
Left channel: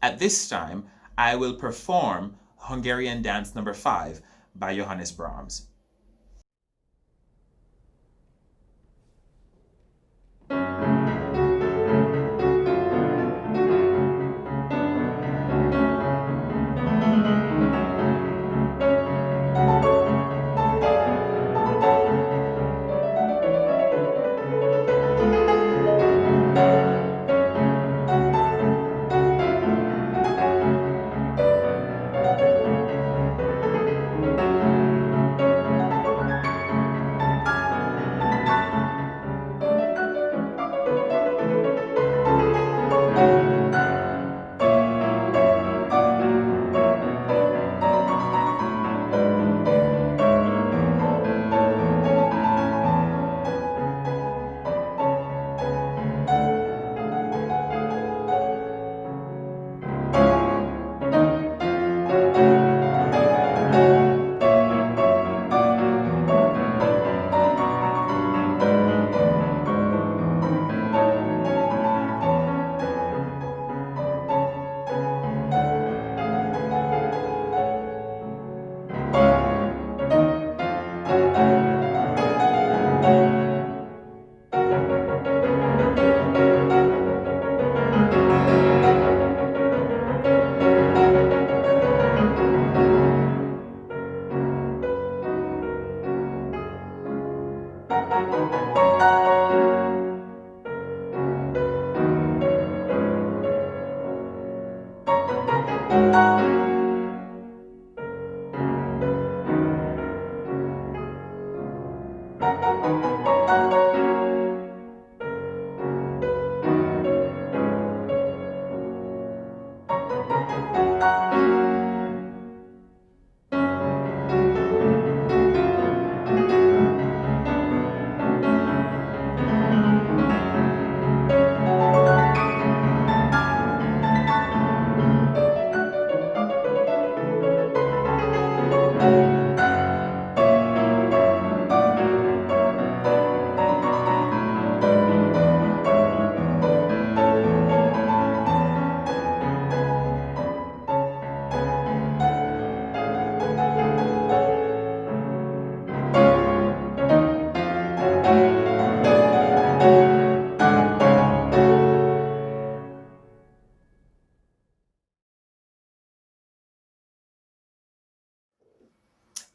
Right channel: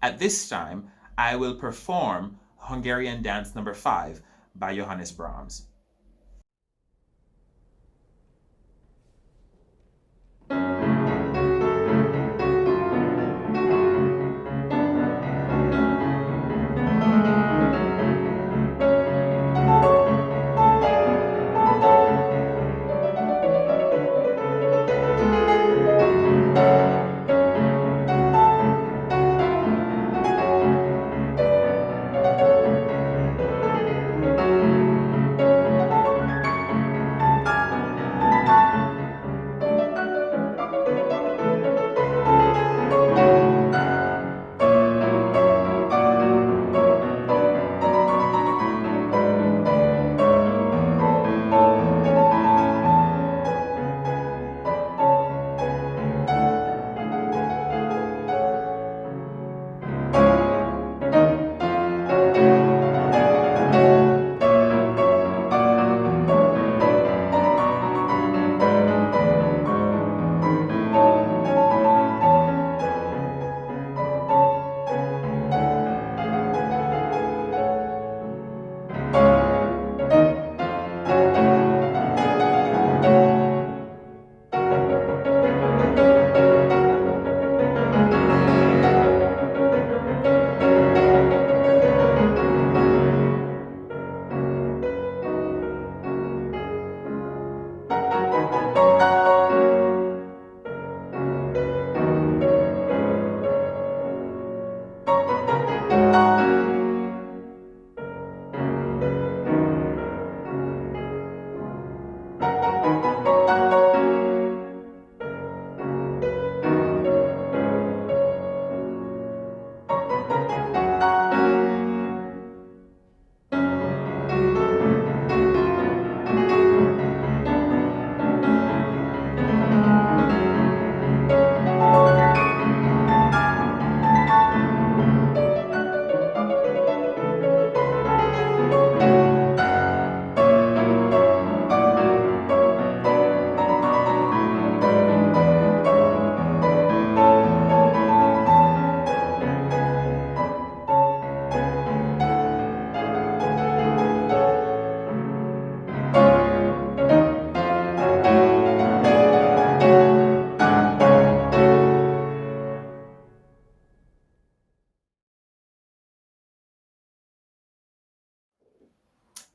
At this time, I will perform Hungarian Dance No. 5 by Johannes Brahms.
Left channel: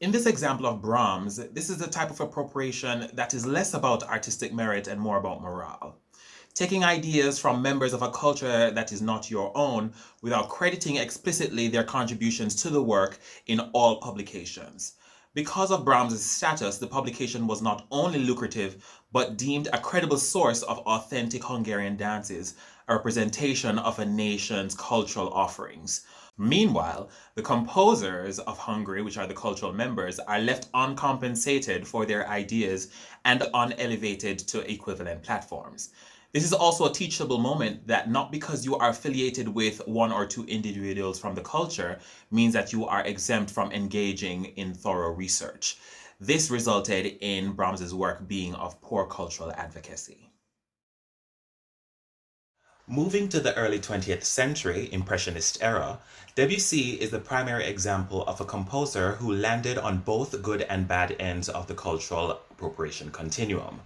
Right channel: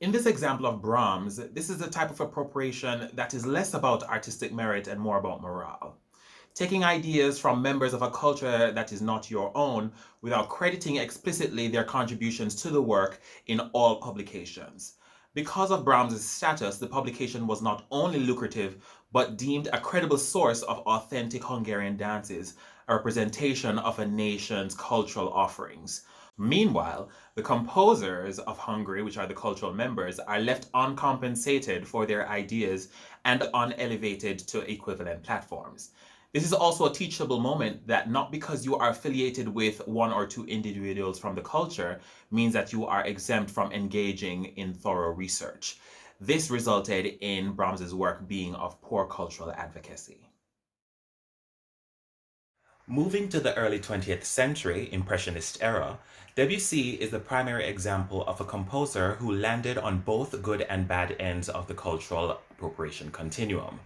In this example of Brahms, this is the type of appropriation that is less about artistic merit and more about morale. Taking ideas from members of a culture that is not your own without crediting explicitly their contributions to the work in all publications. Because of Brahms' status, the publication was not only lucrative, but deemed a credible source of authentic Hungarian dances, a representation of a nation's cultural offerings. Meanwhile, the composers of Hungary, which are the cultural members, are left uncompensated for their ideas and unelevated to equivalent platforms. This is also a teachable moment that not because you are affiliated with one or two individuals from the culture means that you are exempt from engaging in thorough research. This resulted in Brahms's work being of poor cultural advocacy. Moving to the early 20th century, Impressionist era, Debussy is the primary example of a composer who landed on both good and bad ends of the cultural appropriation continuum.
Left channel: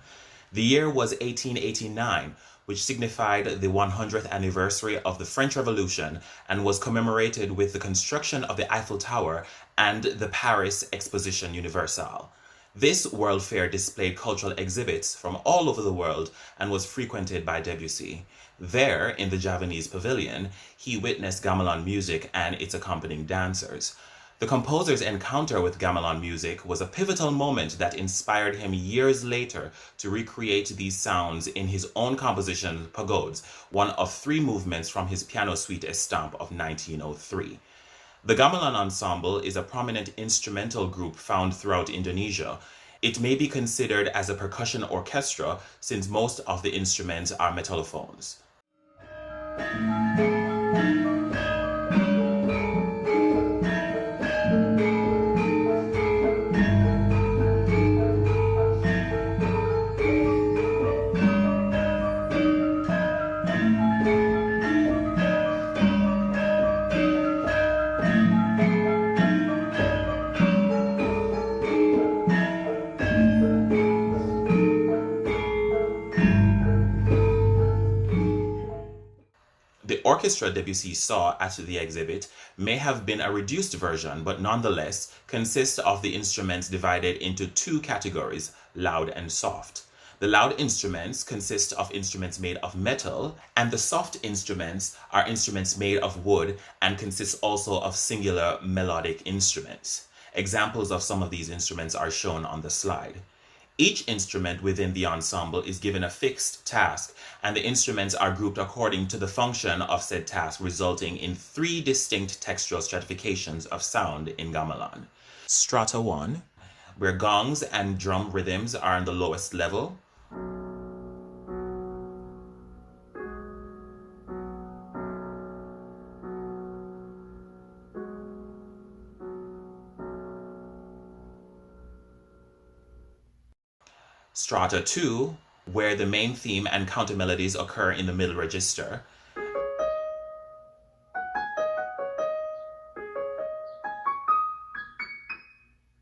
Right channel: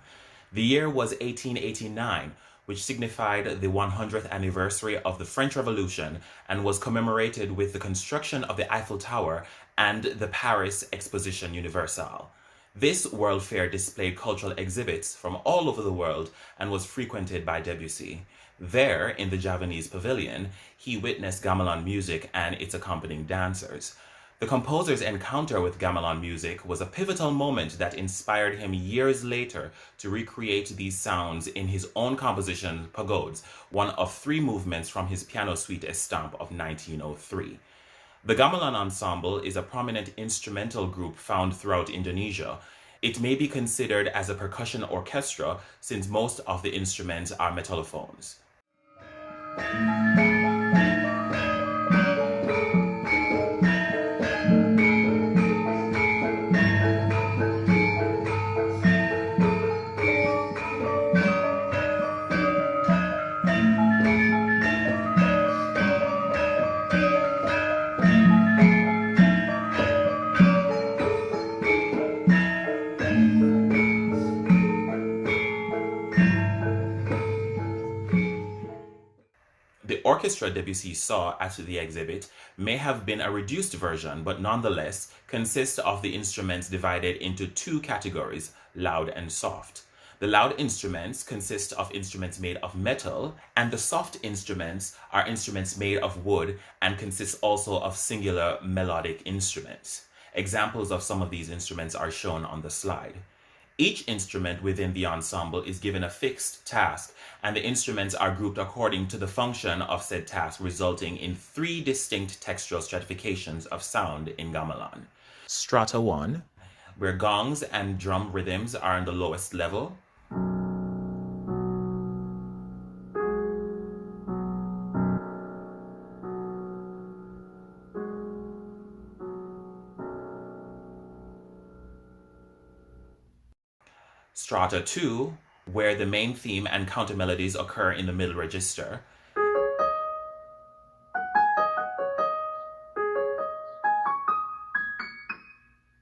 The year was 1889, which signified the 100th anniversary of the French Revolution and was commemorated with the construction of the Eiffel Tower and the Paris Exposition Universelle. This World Fair displayed cultural exhibits from all over the world and was frequented by Debussy. There, in the Javanese pavilion, he witnessed gamelan music and its accompanying dancers. The composer's encounter with gamelan music was a pivotal moment that inspired him years later to recreate these sounds in his own composition, Pagodes, one of 3 movements from his piano suite Estampes of 1903. The gamelan ensemble is a prominent instrumental group found throughout Indonesia. It may be considered as a percussion orchestra since most of the instruments are metallophones. The orchestra Debussy saw at the exhibit may have been a reduced version, but nonetheless consists of the instruments divided into 2 categories, loud and soft. The loud instruments consist of instruments made of metal, and the soft instruments are instruments made of wood and consist also of singular melodic instruments. Examples of some of these instruments are shown on the slide. Each instrument within the ensemble is given a fixed task, and the instruments are grouped according to the function of said task, resulting in 3 distinct textural stratifications of sound in gamelan. Strata 1, where gongs and drum rhythms are on the lowest level. Strata 2, where the main theme and counter melodies occur in the middle register.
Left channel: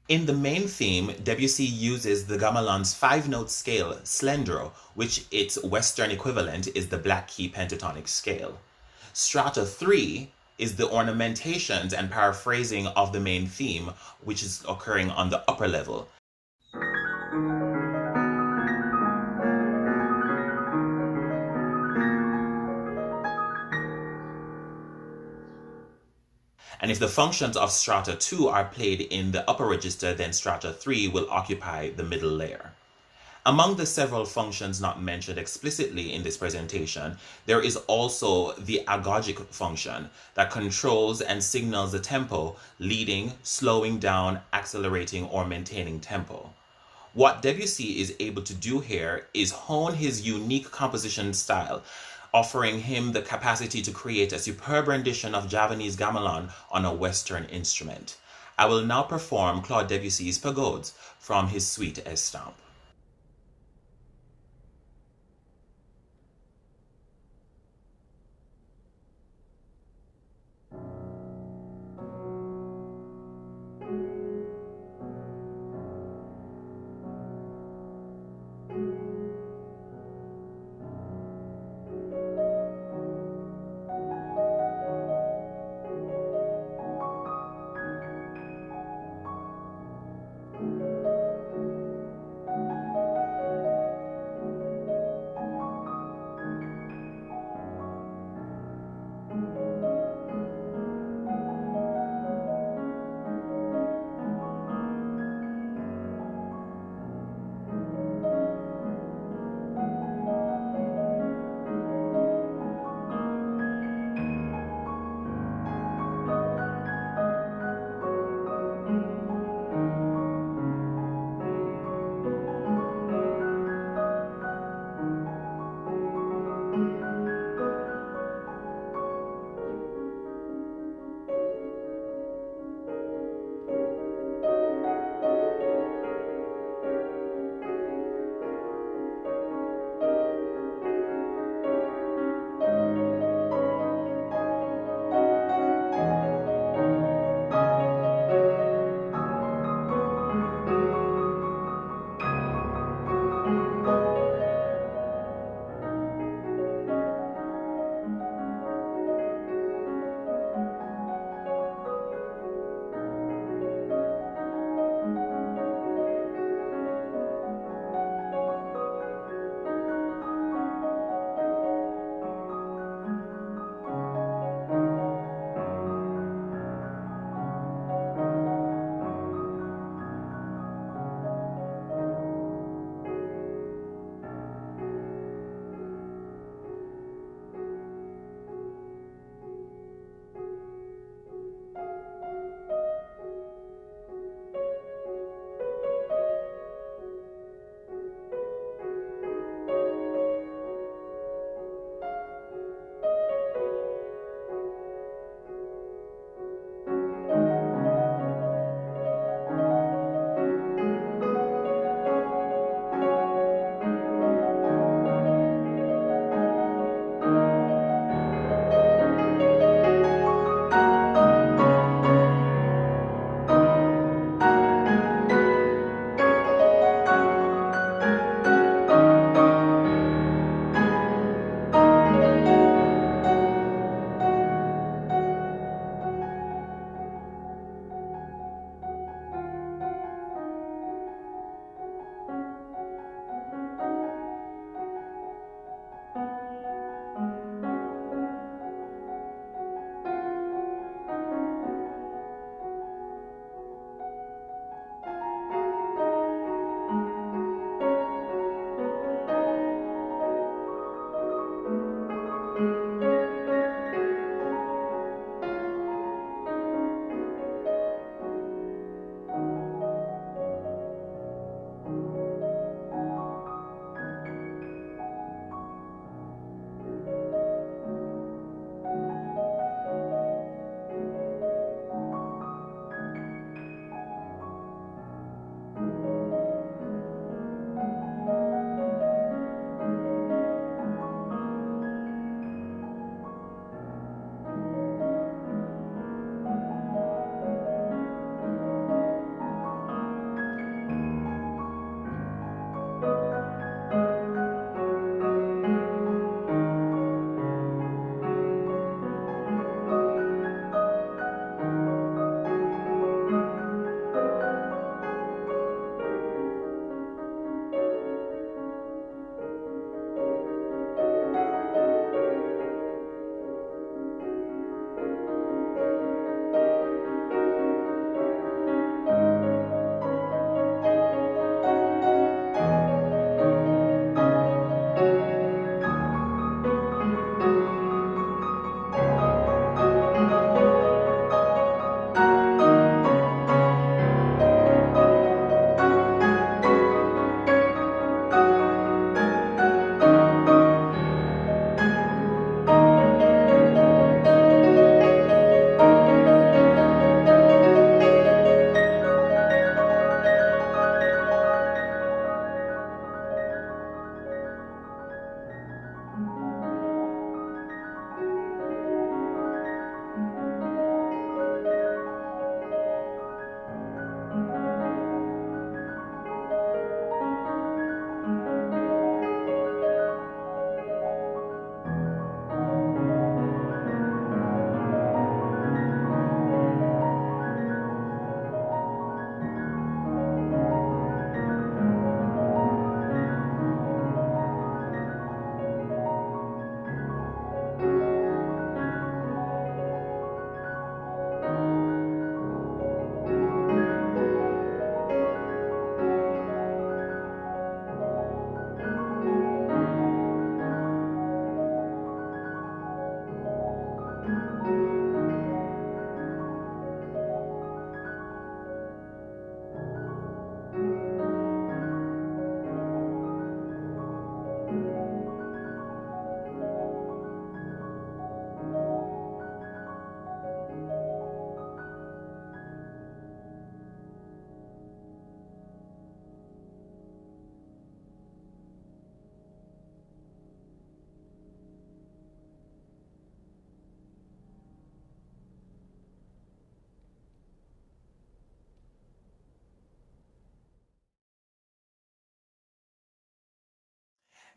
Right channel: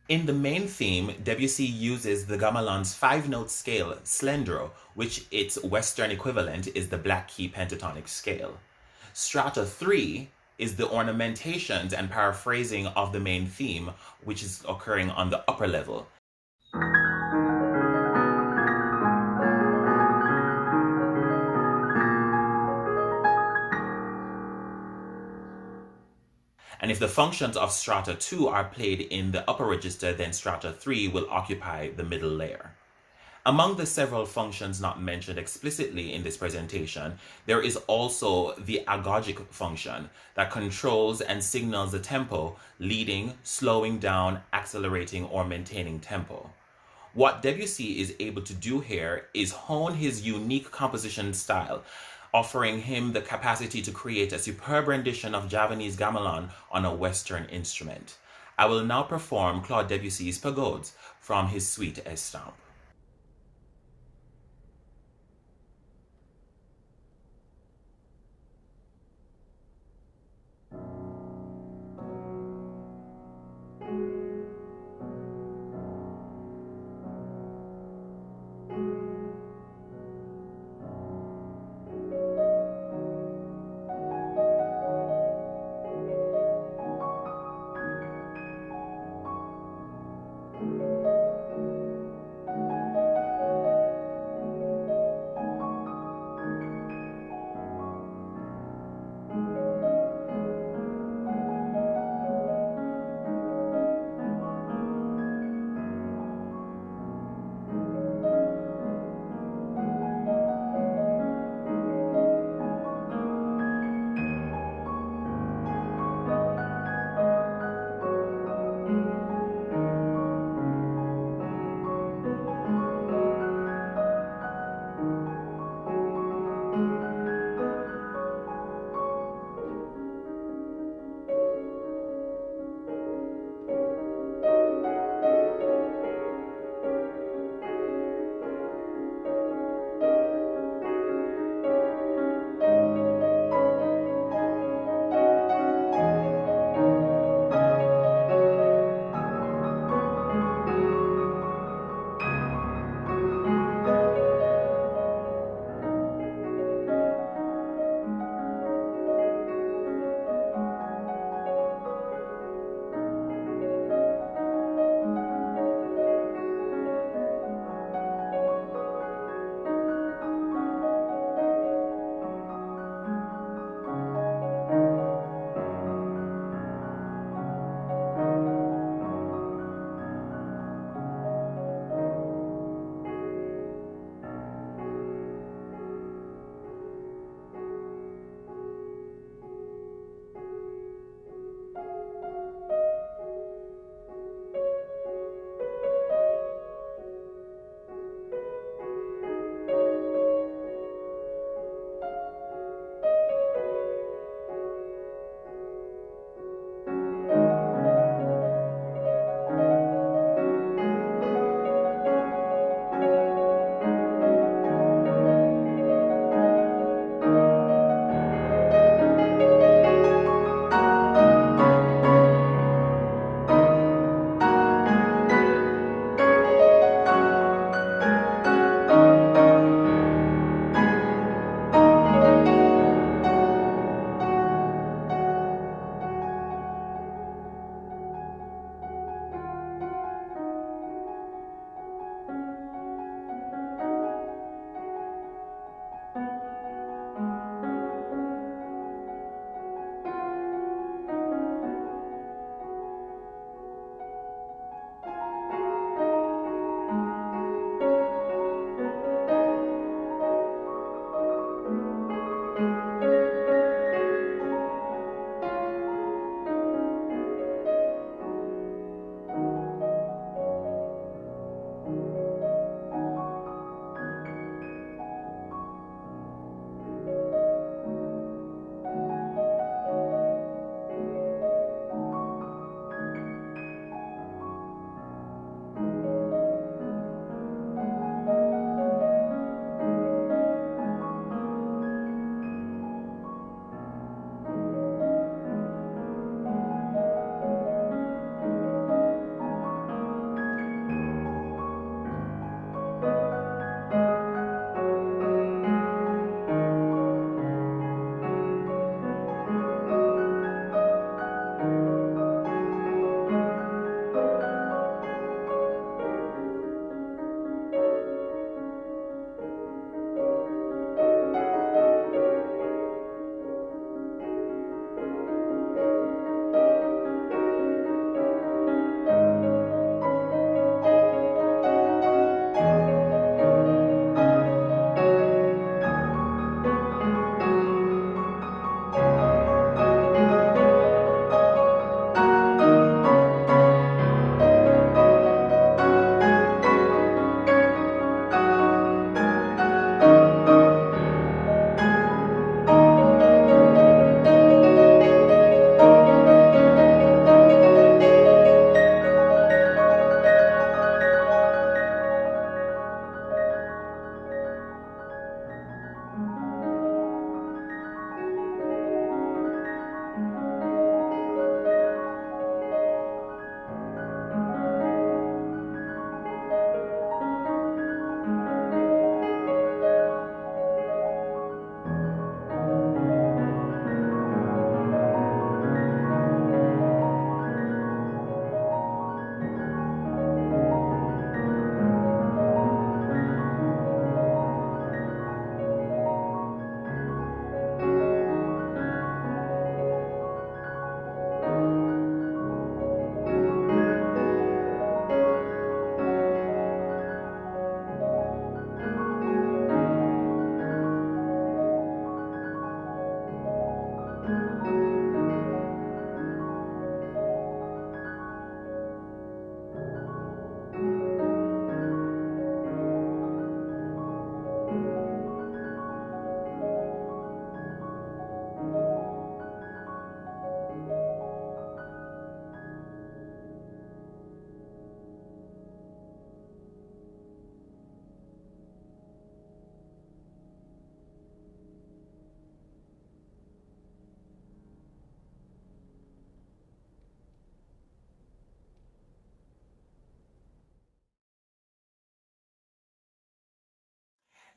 In the main theme, Debussy uses the gamelan's 5-note scale, slendro, which its Western equivalent is the black key pentatonic scale. Strata 3 is the ornamentations and paraphrasing of the main theme, which is occurring on the upper level. And if the functions of strata 2 are played in the upper register, then strata 3 will occupy the middle layer. Among the several functions not mentioned explicitly in this presentation, there is also the agogic function that controls and signals the tempo, leading, slowing down, accelerating, or maintaining tempo. What Debussy is able to do here is hone his unique composition style, offering him the capacity to create a superb rendition of Javanese gamelan on a Western instrument. I will now perform Claude Debussy's Pagodes from his suite Estampes.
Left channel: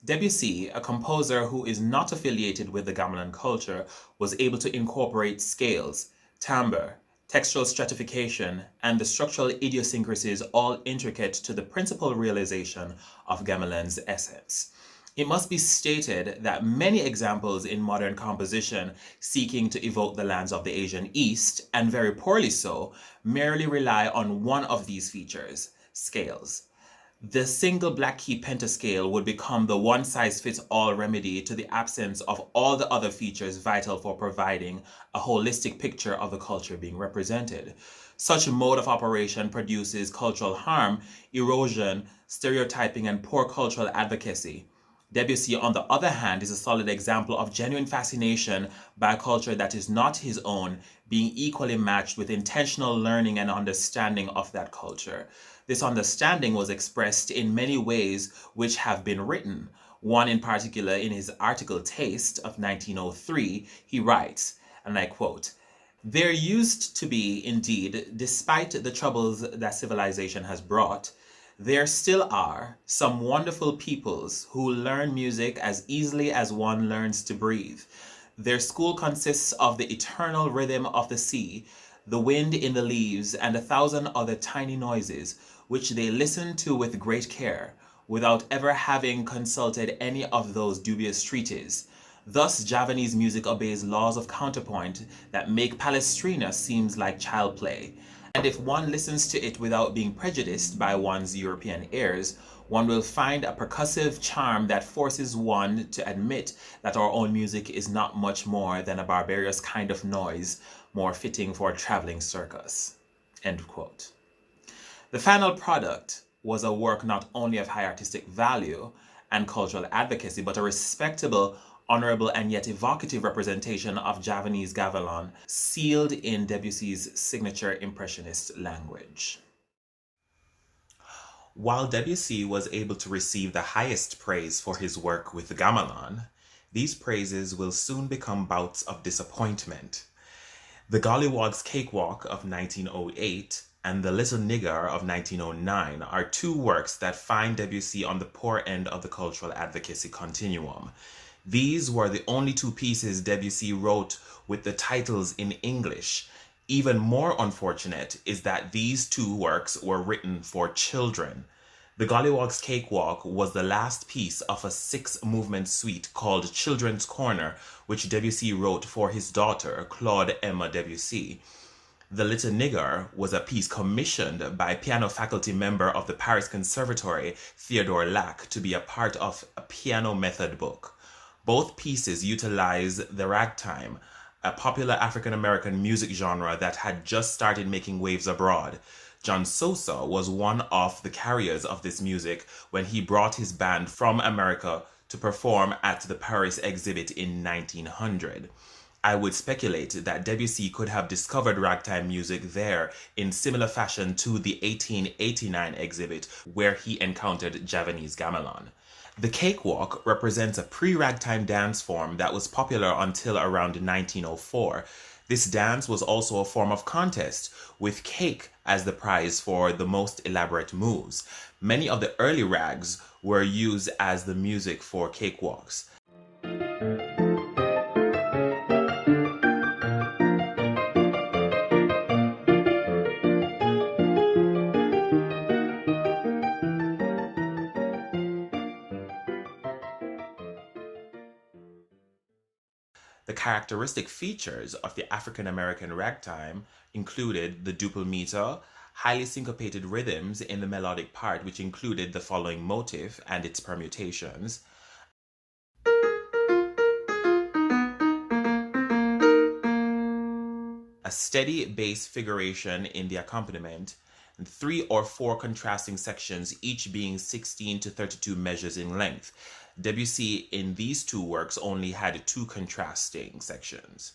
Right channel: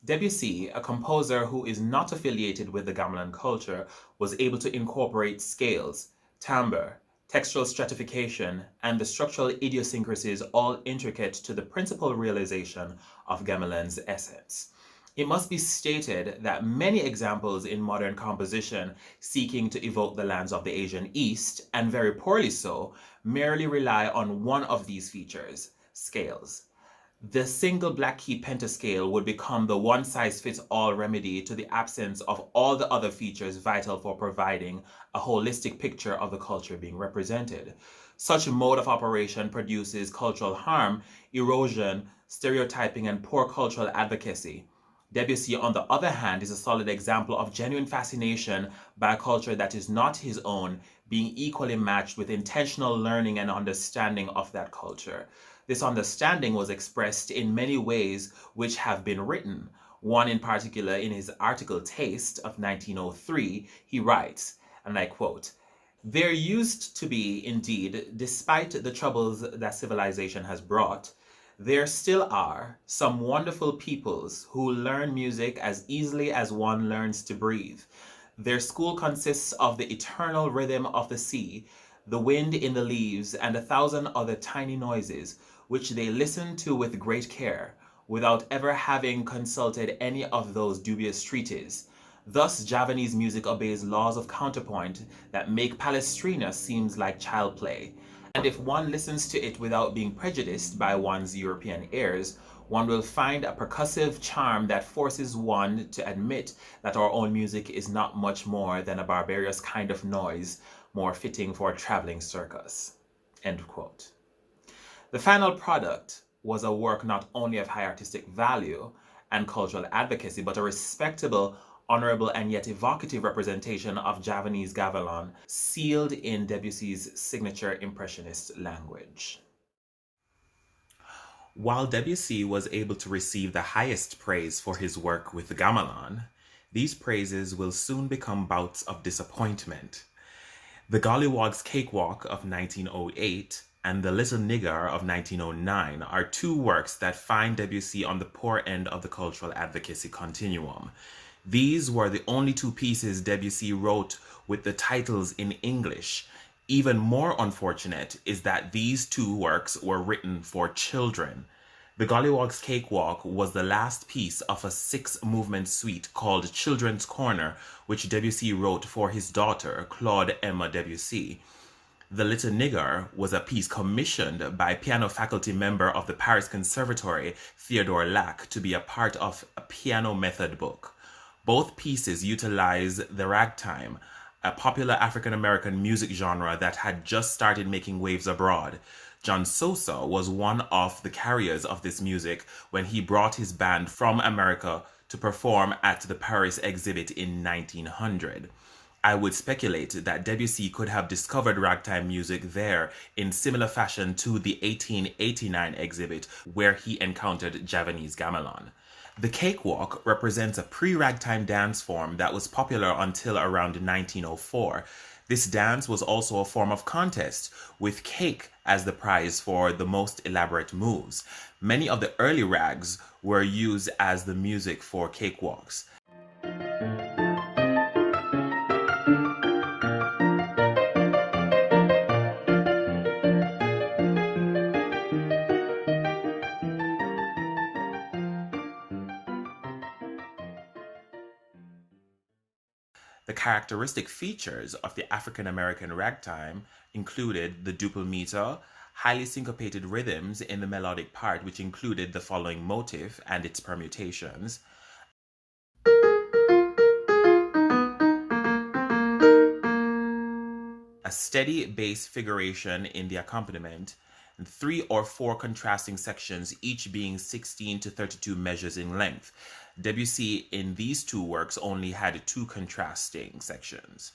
Debussy, a composer who is not affiliated with the gamelan culture, was able to incorporate scales, timbre, textural stratification, and the structural idiosyncrasies all intricate to the principal realization of gamelan's essence. It must be stated that many examples in modern composition seeking to evoke the lands of the Asian East, and very poorly so, merely rely on one of these features, scales. The single black key pentascale would become the one-size-fits-all remedy to the absence of all the other features vital for providing a holistic picture of the culture being represented. Such a mode of operation produces cultural harm, erosion, stereotyping, and poor cultural advocacy. Debussy, on the other hand, is a solid example of genuine fascination by a culture that is not his own, being equally matched with intentional learning and understanding of that culture. This understanding was expressed in many ways which have been written. One in particular, in his article Taste of 1903, he writes, and I quote, "There used to be, indeed, despite the troubles that civilization has brought, there still are some wonderful peoples who learn music as easily as one learns to breathe. Their school consists of the eternal rhythm of the sea, the wind in the leaves, and 1,000 other tiny noises, which they listen to with great care, without ever having consulted any of those dubious treatises. Thus Javanese music obeys laws of counterpoint that make Palestrina seems like child play. And if one listens to it without being prejudiced by one's European airs, one will find a percussive charm that forces one to admit that our own music is not much more than a barbarous kind of noise, more fitting for a traveling circus." End quote. The final product was a work not only of high artistic value and cultural advocacy, but a respectable, honorable, and yet evocative representation of Javanese gamelan, sealed in Debussy's signature impressionist language. While Debussy was able to receive the highest praise for his work with gamelan, these praises will soon become bouts of disappointment. The Golliwog's Cakewalk of 1908 and The Little Nigar of 1909 are two works that find Debussy on the poor end of the cultural advocacy continuum. These were the only two pieces Debussy wrote with the titles in English. Even more unfortunate is that these two works were written for children. The Golliwog's Cakewalk was the last piece of a 6-movement suite called Children's Corner, which Debussy wrote for his daughter, Claude Emma Debussy. The Little Nigar was a piece commissioned by piano faculty member of the Paris Conservatory, Theodore Lac, to be a part of a piano method book. Both pieces utilize the ragtime, a popular African-American music genre that had just started making waves abroad. John Sosa was one of the carriers of this music when he brought his band from America to perform at the Paris exhibit in 1900. I would speculate that Debussy could have discovered ragtime music there in similar fashion to the 1889 exhibit where he encountered Javanese gamelan. The Cakewalk represents a pre-ragtime dance form that was popular until around 1904. This dance was also a form of contest, with cake as the prize for the most elaborate moves. Many of the early rags were used as the music for cakewalks. The characteristic features of the African-American ragtime included the duple meter, highly syncopated rhythms in the melodic part, which included the following motif and its permutations, a steady bass figuration in the accompaniment, and 3 or 4 contrasting sections, each being 16 to 32 measures in length. Debussy in these two works only had 2 contrasting sections.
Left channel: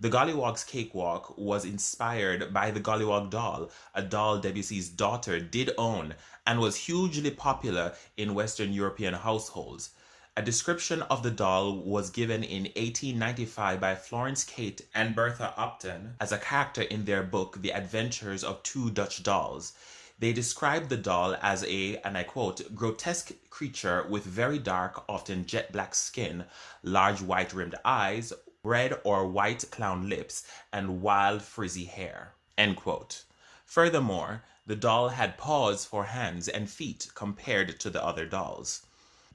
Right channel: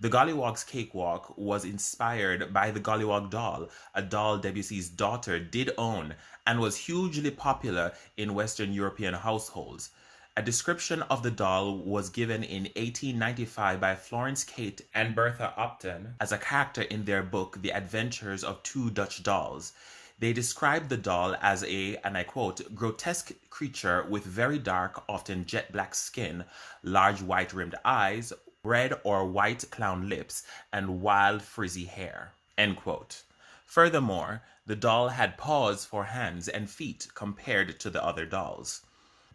The Golliwog's Cakewalk was inspired by the Golliwog doll, a doll Debussy's daughter did own and was hugely popular in Western European households. A description of the doll was given in 1895 by Florence Kate and Bertha Upton as a character in their book The Adventures of Two Dutch Dolls. They described the doll as a, and I quote, grotesque creature with very dark, often jet black skin, large white rimmed eyes, red or white clown lips, and wild frizzy hair, end quote. Furthermore, the doll had paws for hands and feet compared to the other dolls.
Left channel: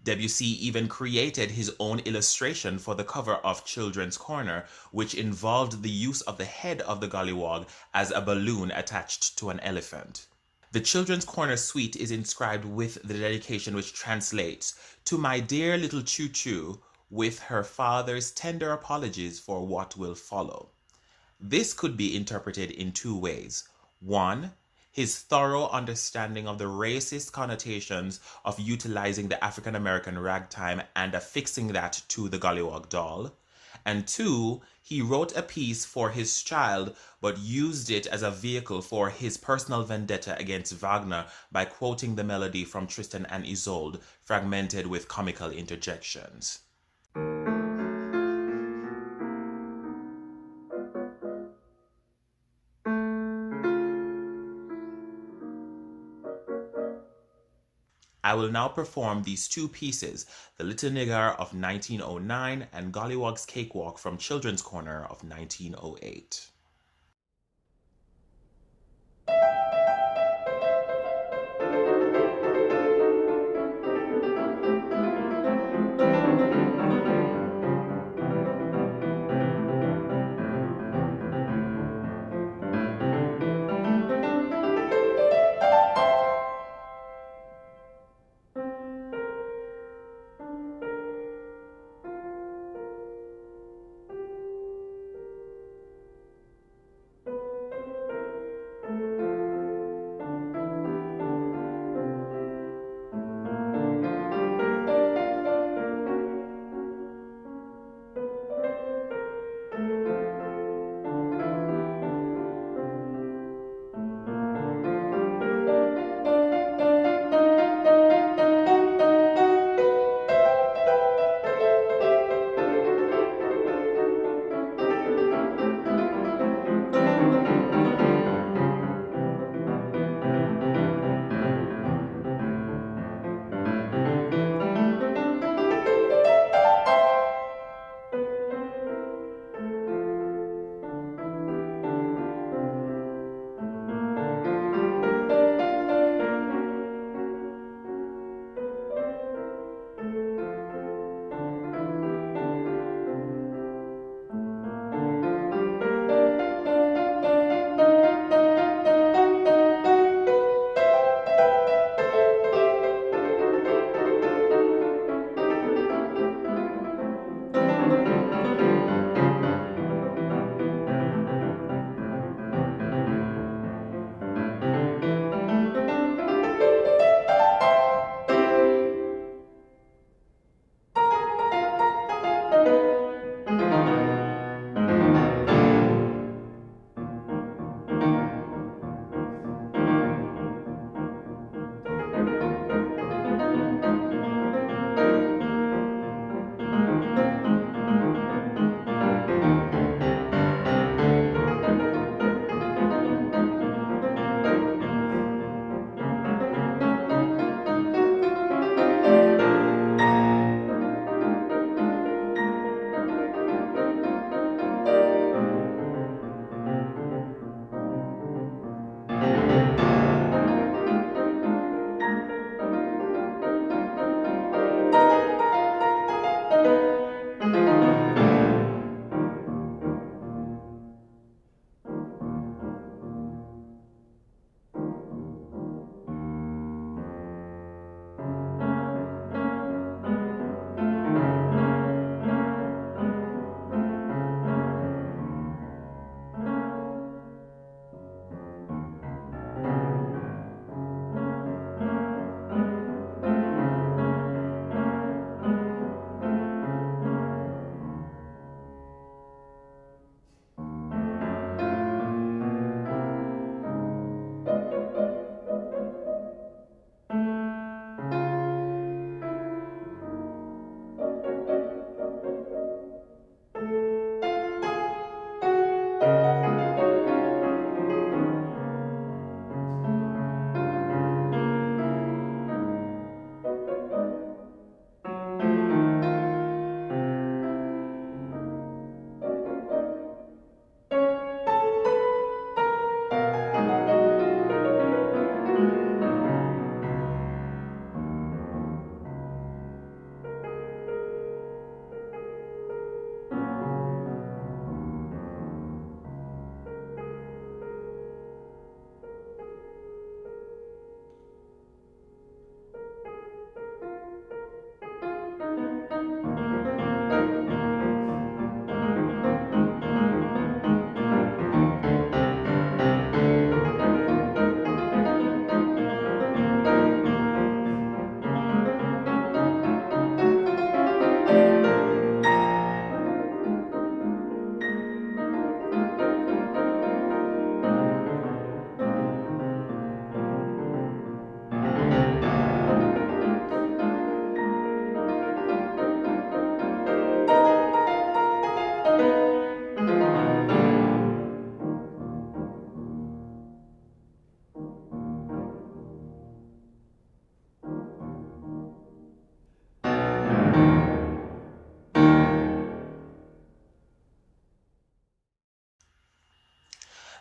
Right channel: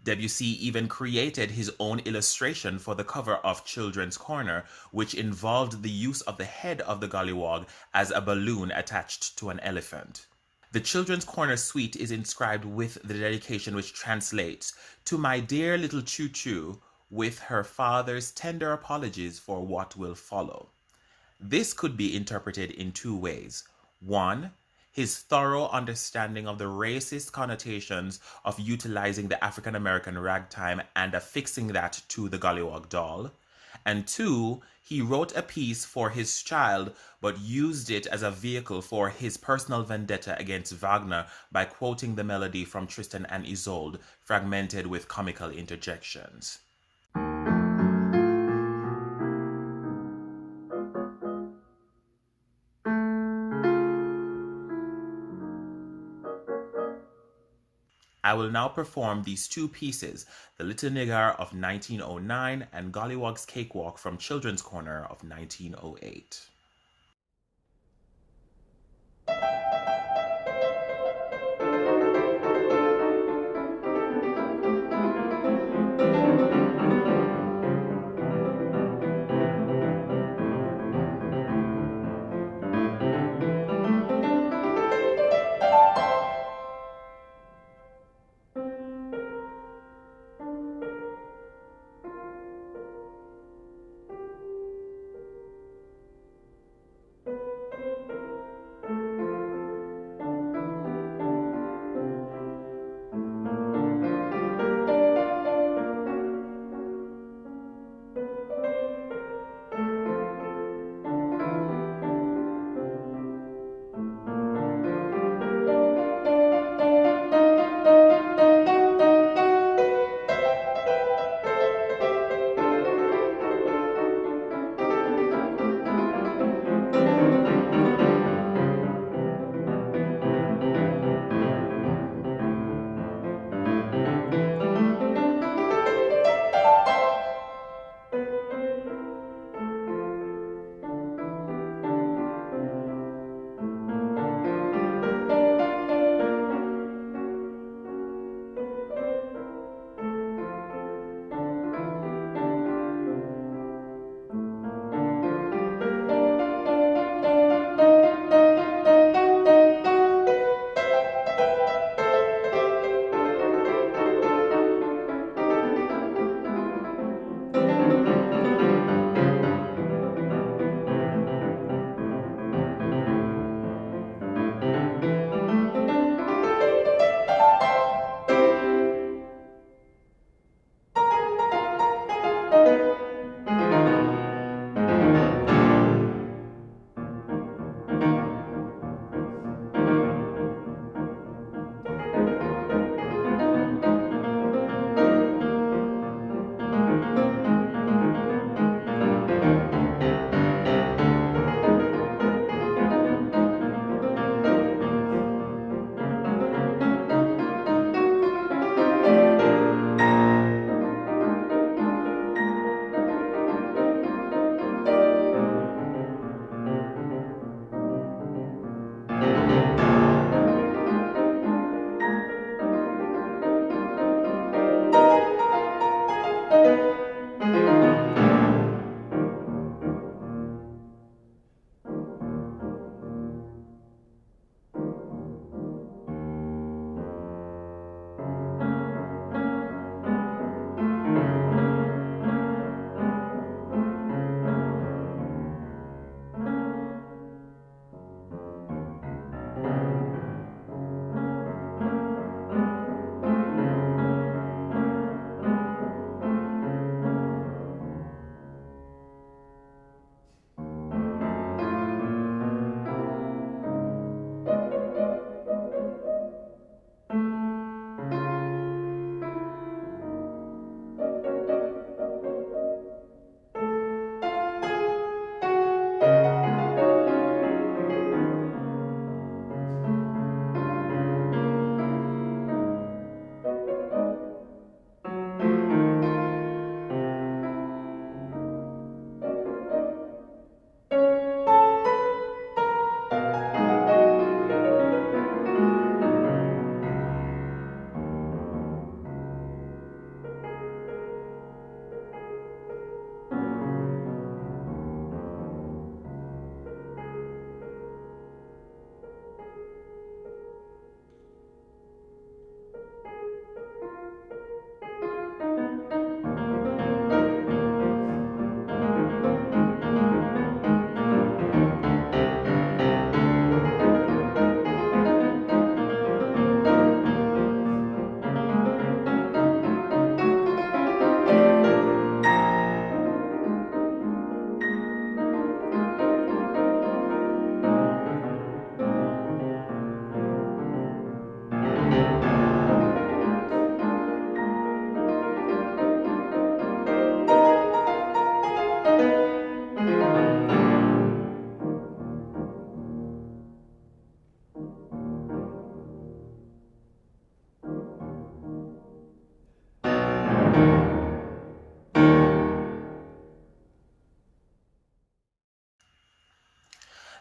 Debussy even created his own illustration for the cover of Children's Corner, which involved the use of the head of the Golliwog as a balloon attached to an elephant. The Children's Corner suite is inscribed with the dedication, which translates, "To my dear little Choo Choo, with her father's tender apologies for what will follow." This could be interpreted in two ways. One, his thorough understanding of the racist connotations of utilizing the African American ragtime and affixing that to the Golliwog doll. And two, he wrote a piece for his child but used it as a vehicle for his personal vendetta against Wagner by quoting the melody from Tristan and Isolde, fragmented with comical interjections. I will now perform these two pieces, the Little Nigar of 1909 and Golliwog's Cakewalk from Children's Corner of 1908.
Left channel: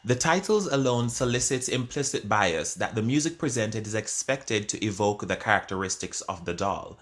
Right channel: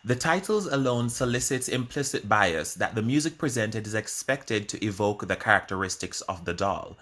The titles alone solicits implicit bias that the music presented is expected to evoke the characteristics of the doll.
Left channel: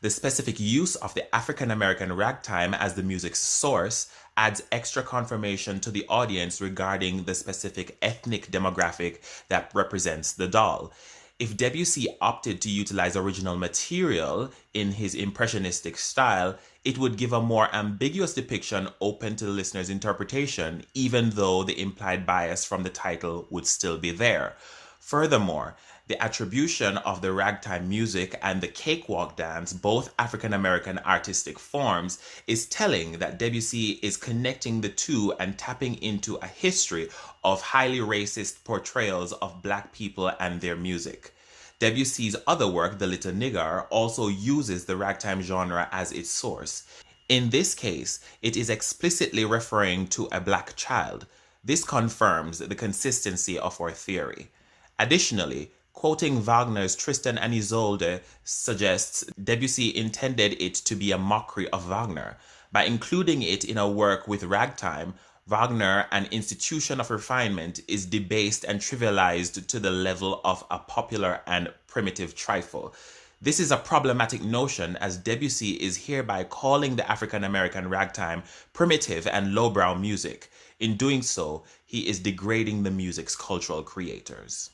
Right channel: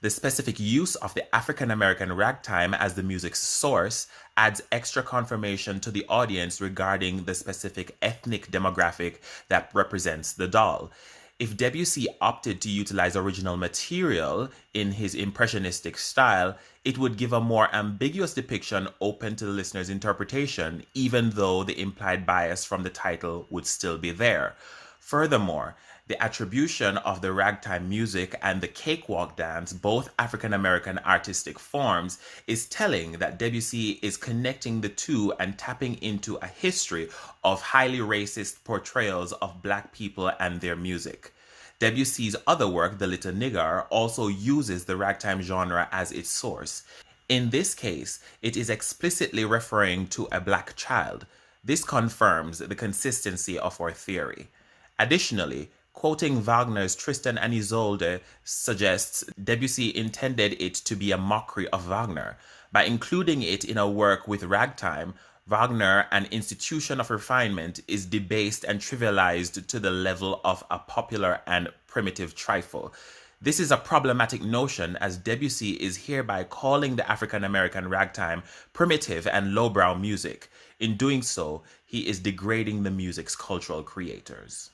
The specific use of the African-American ragtime as the music's source adds extra confirmation to the audience regarding the specific ethnic demographic that represents the doll. If Debussy opted to utilize original material in his impressionistic style, it would give a more ambiguous depiction open to the listener's interpretation, even though the implied bias from the title would still be there. Furthermore, the attribution of the ragtime music and the cakewalk dance, both African American artistic forms, is telling that Debussy is connecting the two and tapping into a history of highly racist portrayals of Black people and their music. Debussy's other work, the Little Nigar, also uses the ragtime genre as its source. In this case, it is explicitly referring to a Black child. This confirms the consistency of our theory. Additionally, quoting Wagner's Tristan and Isolde suggests Debussy intended it to be a mockery of Wagner. By including it in a work with ragtime, Wagner, an institution of refinement, is debased and trivialized to the level of a popular and primitive trifle. This is a problematic notion, as Debussy is hereby calling the African-American ragtime primitive and lowbrow music. In doing so, he is degrading the music's cultural creators.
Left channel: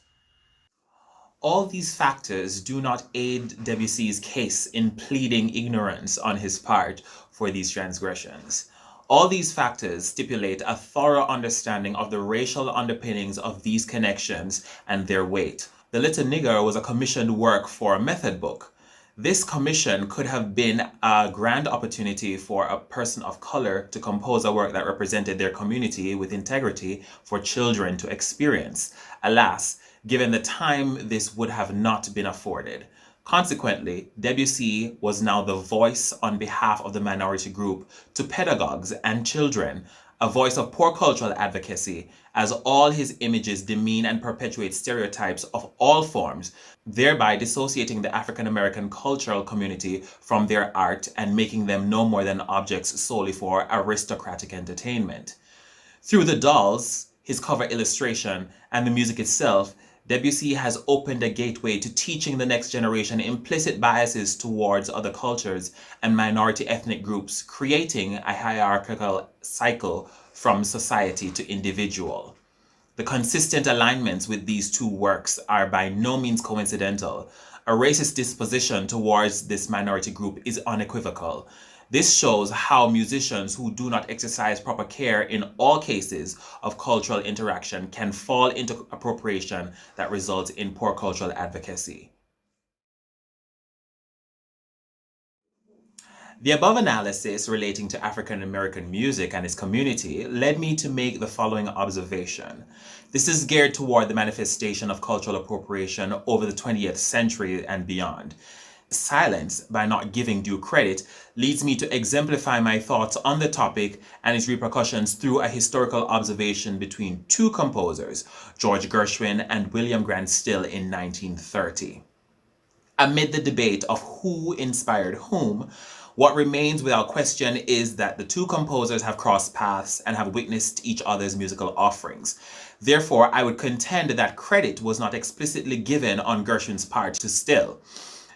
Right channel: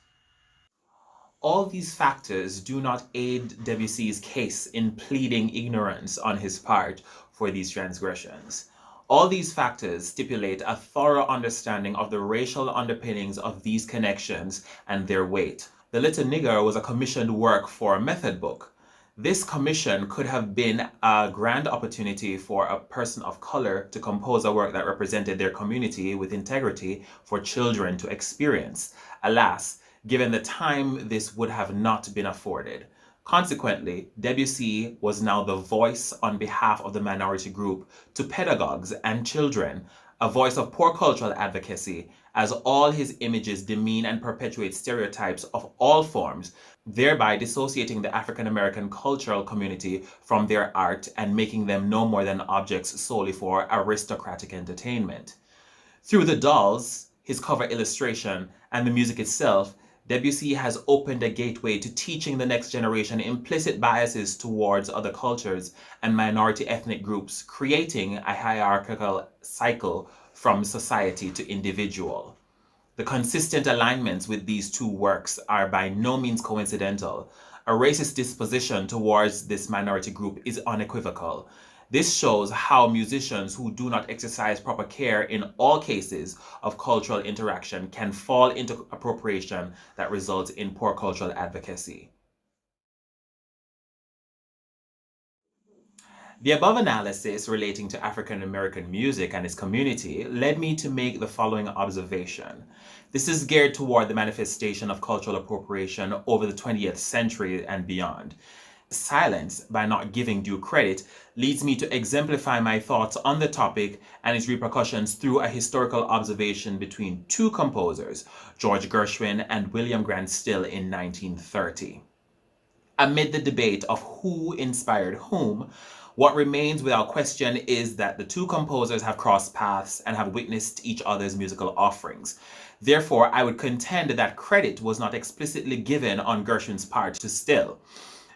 All these factors do not aid Debussy's case in pleading ignorance on his part for these transgressions. All these factors stipulate a thorough understanding of the racial underpinnings of these connections and their weight. The Little Nigar was a commissioned work for a method book. This commission could have been a grand opportunity for a person of color to compose a work that represented their community with integrity for children to experience. Alas, given the time, this would have not been afforded. Consequently, Debussy was now the voice on behalf of the minority group to pedagogues and children, a voice of poor cultural advocacy, as all his images demean and perpetuate stereotypes of all forms, thereby dissociating the African American cultural community from their art and making them no more than objects solely for aristocratic entertainment. Through the dolls, his cover illustration, and the music itself, Debussy has opened a gateway to teaching the next generation implicit biases towards other cultures and minority ethnic groups, creating a hierarchical cycle from society to individual. The consistent alignments with these two works are by no means coincidental. A racist disposition towards this minority group is unequivocal. This shows how musicians who do not exercise proper care in all cases of cultural interaction can fall into appropriation that results in poor cultural advocacy. The above analysis relating to African American music and its community led me to make the following observation. This is geared toward the manifestation of cultural appropriation over the 20th century and beyond. Silence, by not giving due credit, leads me to exemplify my thoughts on the topic and its repercussions through a historical observation between two composers, George Gershwin and William Grant Still, in 1930. Amid the debate of who inspired whom, what remains without question is that the two composers have crossed paths and have witnessed each other's musical offerings. Therefore, I would contend that credit was not explicitly given on Gershwin's part to Still.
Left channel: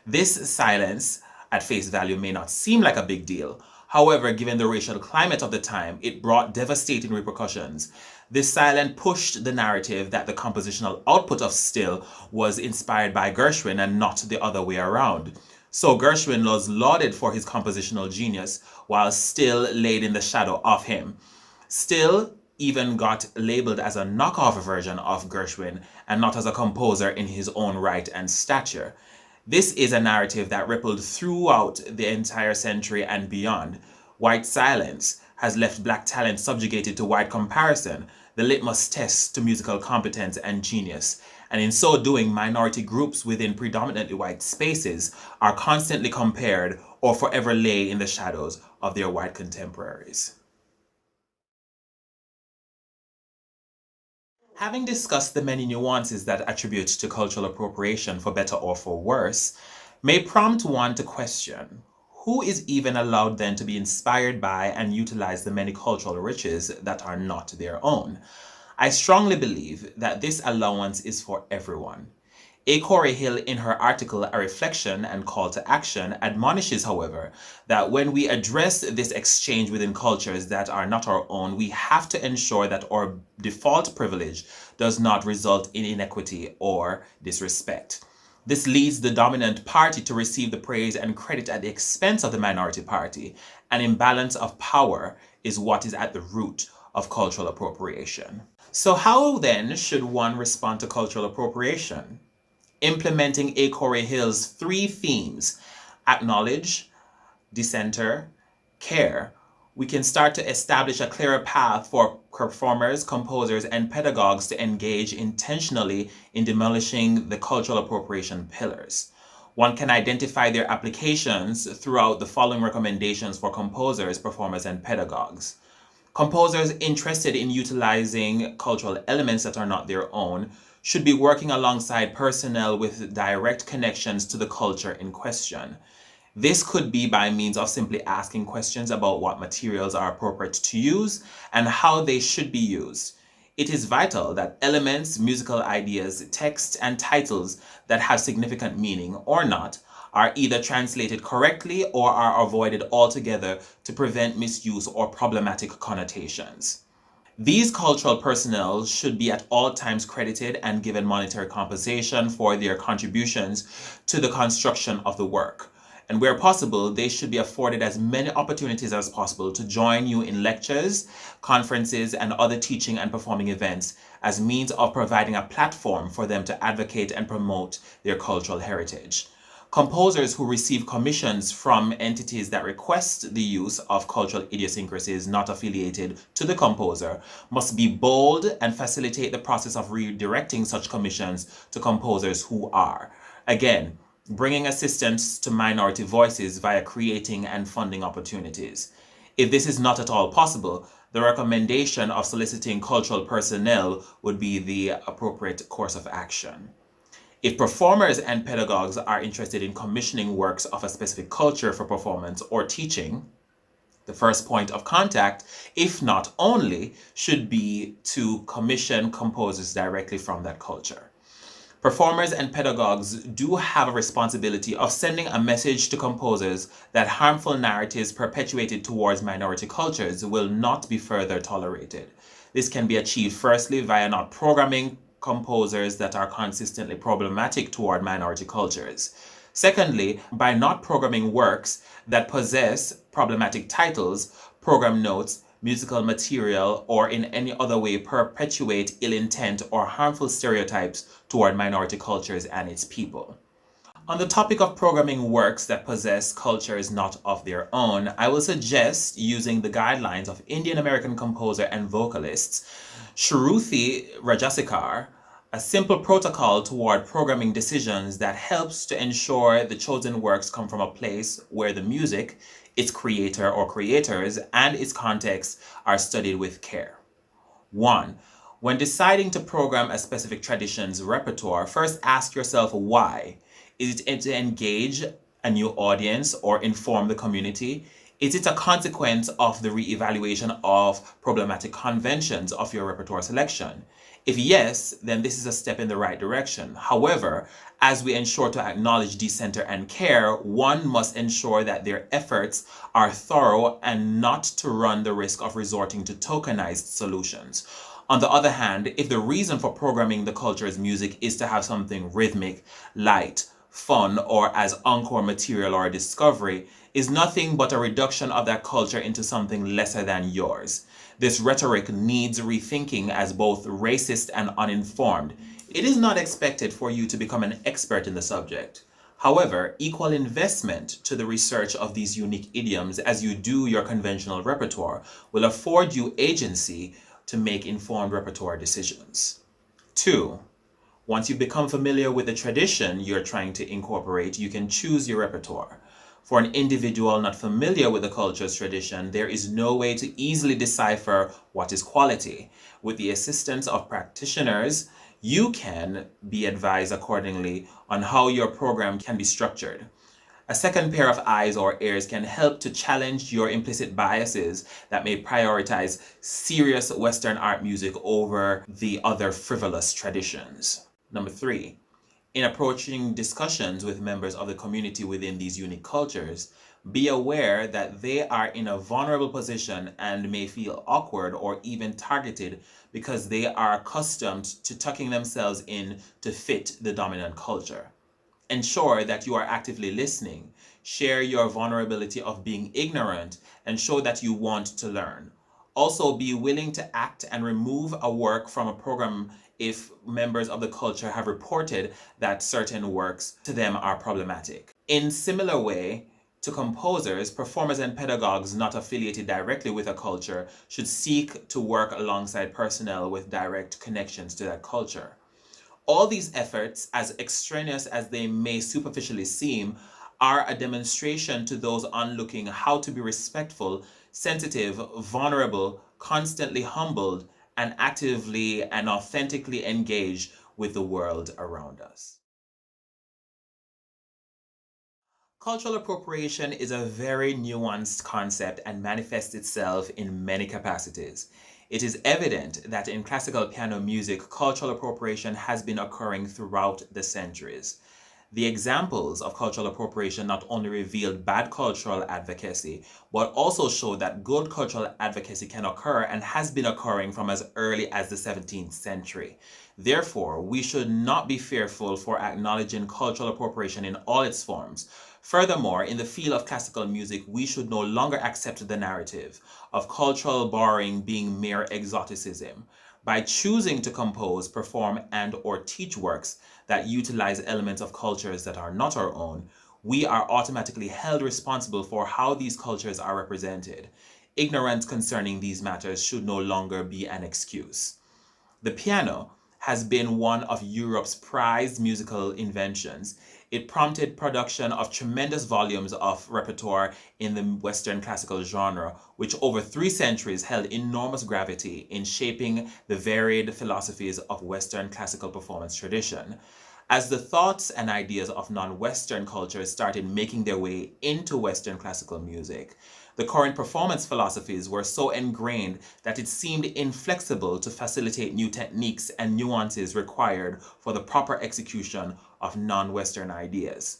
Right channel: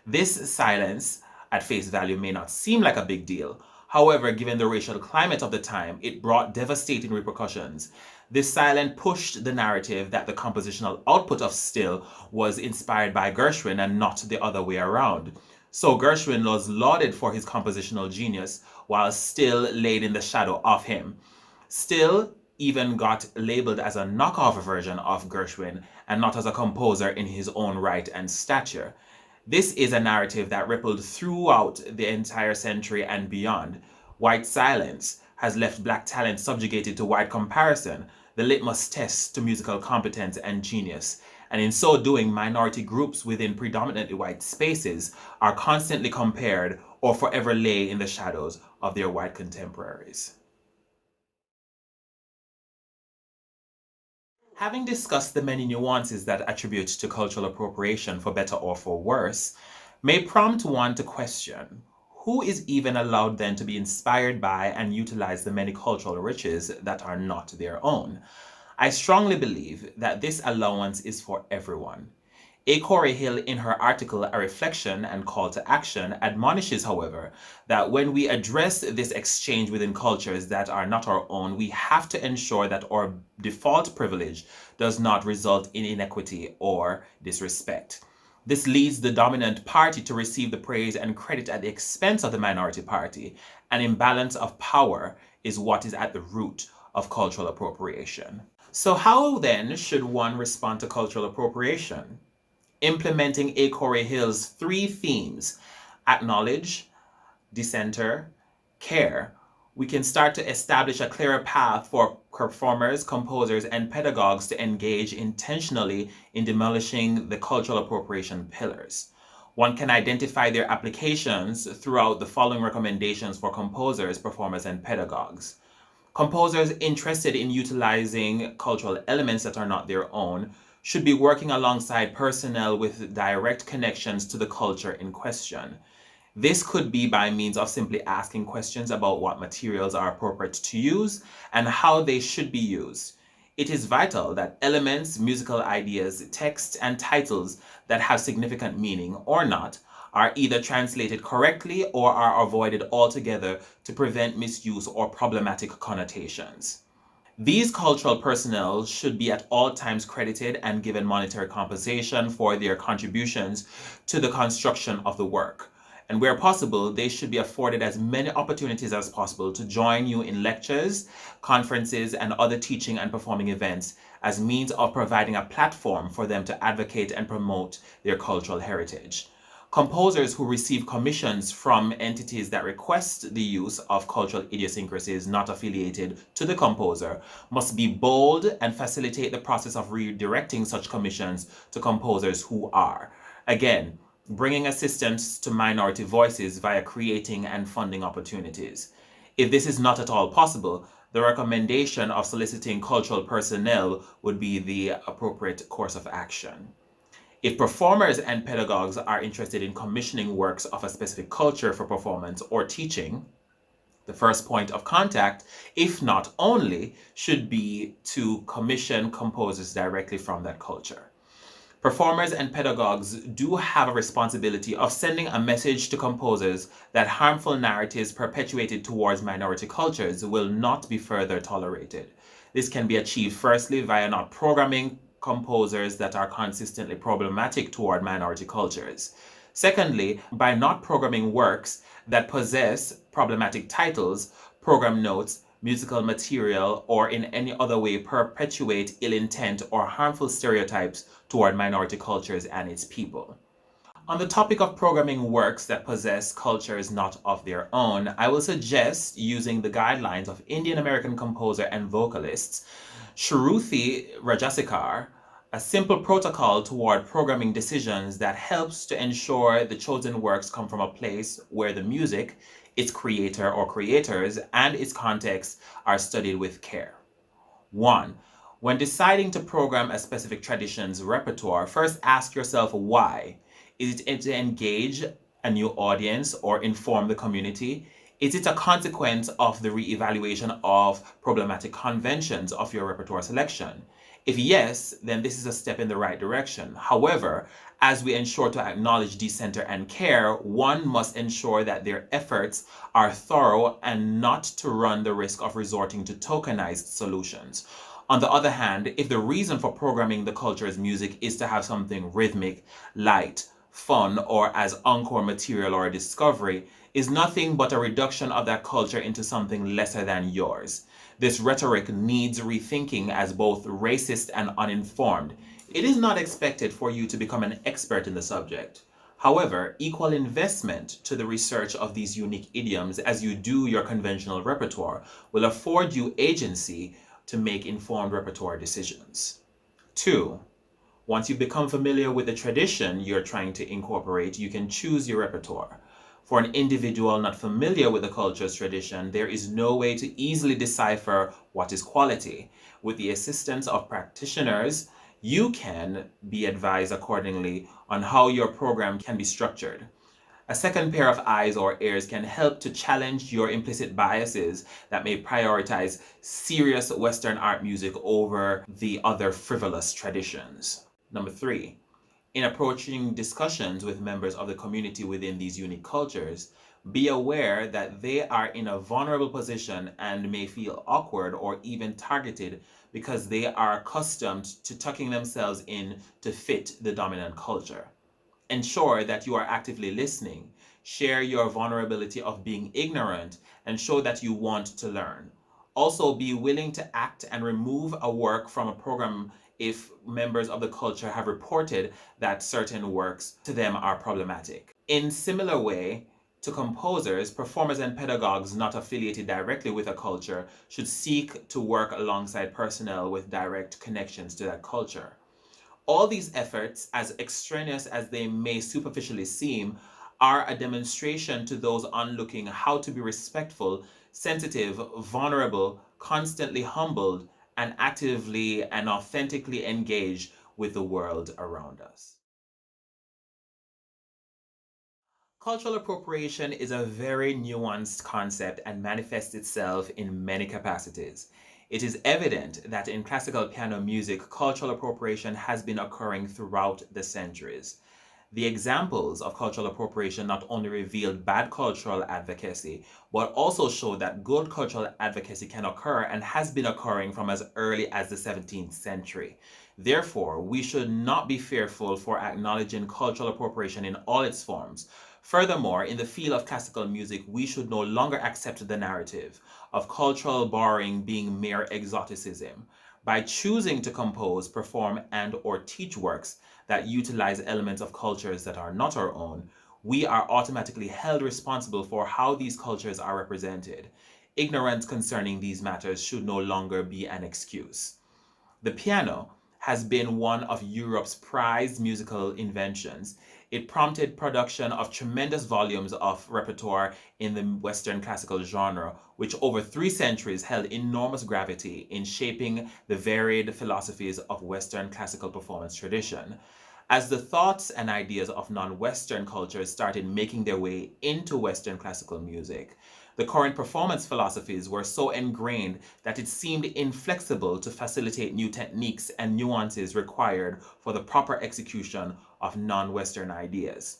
This silence, at face value, may not seem like a big deal. However, given the racial climate of the time, it brought devastating repercussions. This silence pushed the narrative that the compositional output of Still was inspired by Gershwin and not the other way around. So Gershwin was lauded for his compositional genius, while Still laid in the shadow of him. Still even got labeled as a knockoff version of Gershwin and not as a composer in his own right and stature. This is a narrative that rippled throughout the entire century and beyond. White silence has left Black talent subjugated to white comparison, the litmus test to musical competence and genius. And in so doing, minority groups within predominantly white spaces are constantly compared or forever lay in the shadows of their white contemporaries. Having discussed the many nuances that attribute to cultural appropriation for better or for worse, may prompt one to question, who is even allowed then to be inspired by and utilize the many cultural riches that are not their own? I strongly believe that this allowance is for everyone. A. Corey Hill, in her article A Reflection and Call to Action, admonishes, however, that when we address this exchange within cultures that are not our own, we have to ensure that our default privilege does not result in inequity or disrespect. This leads the dominant party to receive the praise and credit at the expense of the minority party. An imbalance of power is what is at the root of cultural appropriation. So how then should one respond to cultural appropriation? Implementing A. Corey Hill's 3 themes, acknowledge, decenter, care, we can start to establish a clearer path for performers, composers, and pedagogues to engage intentionally in demolishing the cultural appropriation pillars. One can identify their applications throughout the following recommendations for composers, performers, and pedagogues. Composers interested in utilizing cultural elements that are not their own should be working alongside personnel with direct connections to the culture in question. This could be by means of simply asking questions about what materials are appropriate to use and how they should be used. It is vital that elements, musical ideas, texts, and titles that have significant meaning or not are either translated correctly or are avoided altogether to prevent misuse or problematic connotations. These cultural personnel should be at all times credited and given monetary compensation for their contributions to the construction of the work. And where possible, they should be afforded as many opportunities as possible to join you in lectures, conferences, and other teaching and performing events as means of providing a platform for them to advocate and promote their cultural heritage. Composers who receive commissions from entities that request the use of cultural idiosyncrasies not affiliated to the composer must be bold and facilitate the process of redirecting such commissions to composers who are. Again, bringing assistance to minority voices via creating and funding opportunities. If this is not at all possible, the recommendation of soliciting cultural personnel would be the appropriate course of action. If performers and pedagogues are interested in commissioning works of a specific culture for performance or teaching, the first point of contact, if not only, should be to commission composers directly from that culture. Performers and pedagogues do have a responsibility of sending a message to composers that harmful narratives perpetuated towards minority cultures will not be further tolerated. This can be achieved firstly via not programming composers that are consistently problematic toward minority cultures. Secondly, by not programming works that possess problematic titles, program notes, musical material, or in any other way perpetuate ill intent or harmful stereotypes toward minority cultures and its people. On the topic of programming works that possess cultures not of their own, I will suggest using the guidelines of Indian American composer and vocalists Shruti Rajasekar, a simple protocol toward programming decisions that helps to ensure the chosen works come from a place where the music, its creator or creators, and its context are studied with care. 1. When deciding to program a specific tradition's repertoire, first ask yourself why. Is it to engage a new audience or inform the community? Is it a consequence of the re-evaluation of problematic conventions of your repertoire selection? If yes, then this is a step in the right direction. However, as we ensure to acknowledge decenter and care, one must ensure that their efforts are thorough and not to run the risk of resorting to tokenized solutions. On the other hand, if the reason for programming the culture's music is to have something rhythmic, light, fun, or as encore material or a discovery, is nothing but a reduction of that culture into something lesser than yours. This rhetoric needs rethinking as both racist and uninformed. It is not expected for you to become an expert in the subject. However, equal investment to the research of these unique idioms as you do your conventional repertoire will afford you agency to make informed repertoire decisions. 2. Once you become familiar with the tradition you're trying to incorporate, you can choose your repertoire. For an individual not familiar with the culture's tradition, there is no way to easily decipher what is quality. With the assistance of practitioners, you can be advised accordingly on how your program can be structured. A second pair of eyes or ears can help to challenge your implicit biases that may prioritize serious Western art music over the other frivolous traditions. Number three, in approaching discussions with members of the community within these unique cultures, be aware that they are in a vulnerable position and may feel awkward or even targeted because they are accustomed to tucking themselves in to fit the dominant culture. Ensure that you are actively listening, share your vulnerability of being ignorant, and show that you want to learn. Also, be willing to act and remove a work from a program if members of the culture have reported that certain works to them are problematic. In similar way to composers, performers and pedagogues not affiliated directly with a culture should seek to work alongside personnel with direct connections to that culture. All these efforts, as extraneous as they may superficially seem, are a demonstration to those onlooking how to be respectful, sensitive, vulnerable, constantly humbled, and actively and authentically engaged with the world around us. Cultural appropriation is a very nuanced concept and manifests itself in many capacities. It is evident that in classical piano music, cultural appropriation has been occurring throughout the centuries. The examples of cultural appropriation not only revealed bad cultural advocacy, but also showed that good cultural advocacy can occur and has been occurring from as early as the 17th century. Therefore, we should not be fearful for acknowledging cultural appropriation in all its forms. Furthermore, in the field of classical music, we should no longer accept the narrative of cultural borrowing being mere exoticism. By choosing to compose, perform, and or teach works that utilize elements of cultures that are not our own, we are automatically held responsible for how these cultures are represented. Ignorance concerning these matters should no longer be an excuse. The piano has been one of Europe's prized musical inventions. It prompted production of tremendous volumes of repertoire in the Western classical genre, which over 3 centuries held enormous gravity in shaping the varied philosophies of Western classical performance tradition. As the thoughts and ideas of non-Western cultures started making their way into Western classical music, the current performance philosophies were so ingrained that it seemed inflexible to facilitate new techniques and nuances required for the proper execution of non-Western ideas.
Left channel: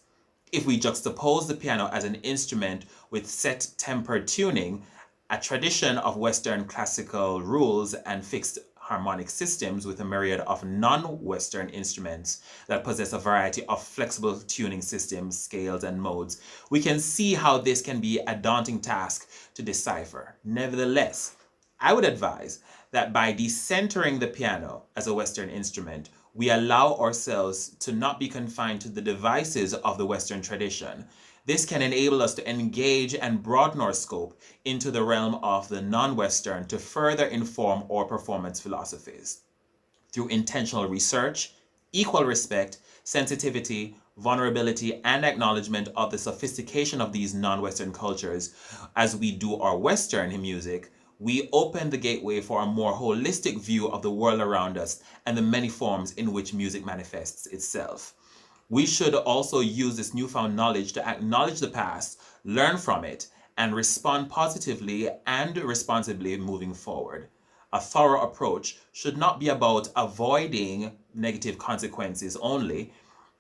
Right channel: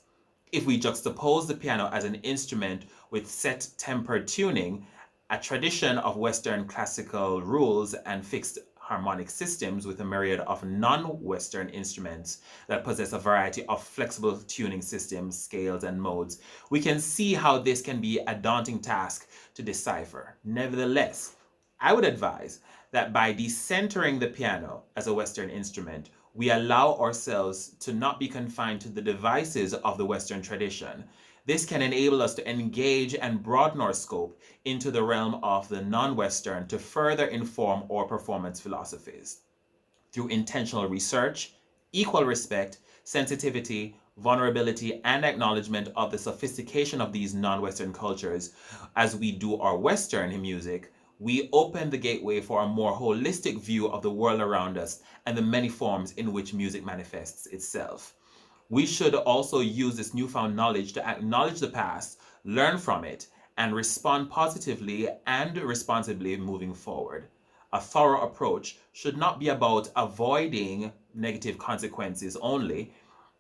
If we juxtapose the piano as an instrument with set tempered tuning, a tradition of Western classical rules and fixed harmonic systems with a myriad of non-Western instruments that possess a variety of flexible tuning systems, scales, and modes, we can see how this can be a daunting task to decipher. Nevertheless, I would advise that by decentering the piano as a Western instrument, we allow ourselves to not be confined to the devices of the Western tradition. This can enable us to engage and broaden our scope into the realm of the non-Western to further inform our performance philosophies. Through intentional research, equal respect, sensitivity, vulnerability, and acknowledgement of the sophistication of these non-Western cultures, as we do our Western music, we open the gateway for a more holistic view of the world around us and the many forms in which music manifests itself. We should also use this newfound knowledge to acknowledge the past, learn from it, and respond positively and responsibly moving forward. A thorough approach should not be about avoiding negative consequences only,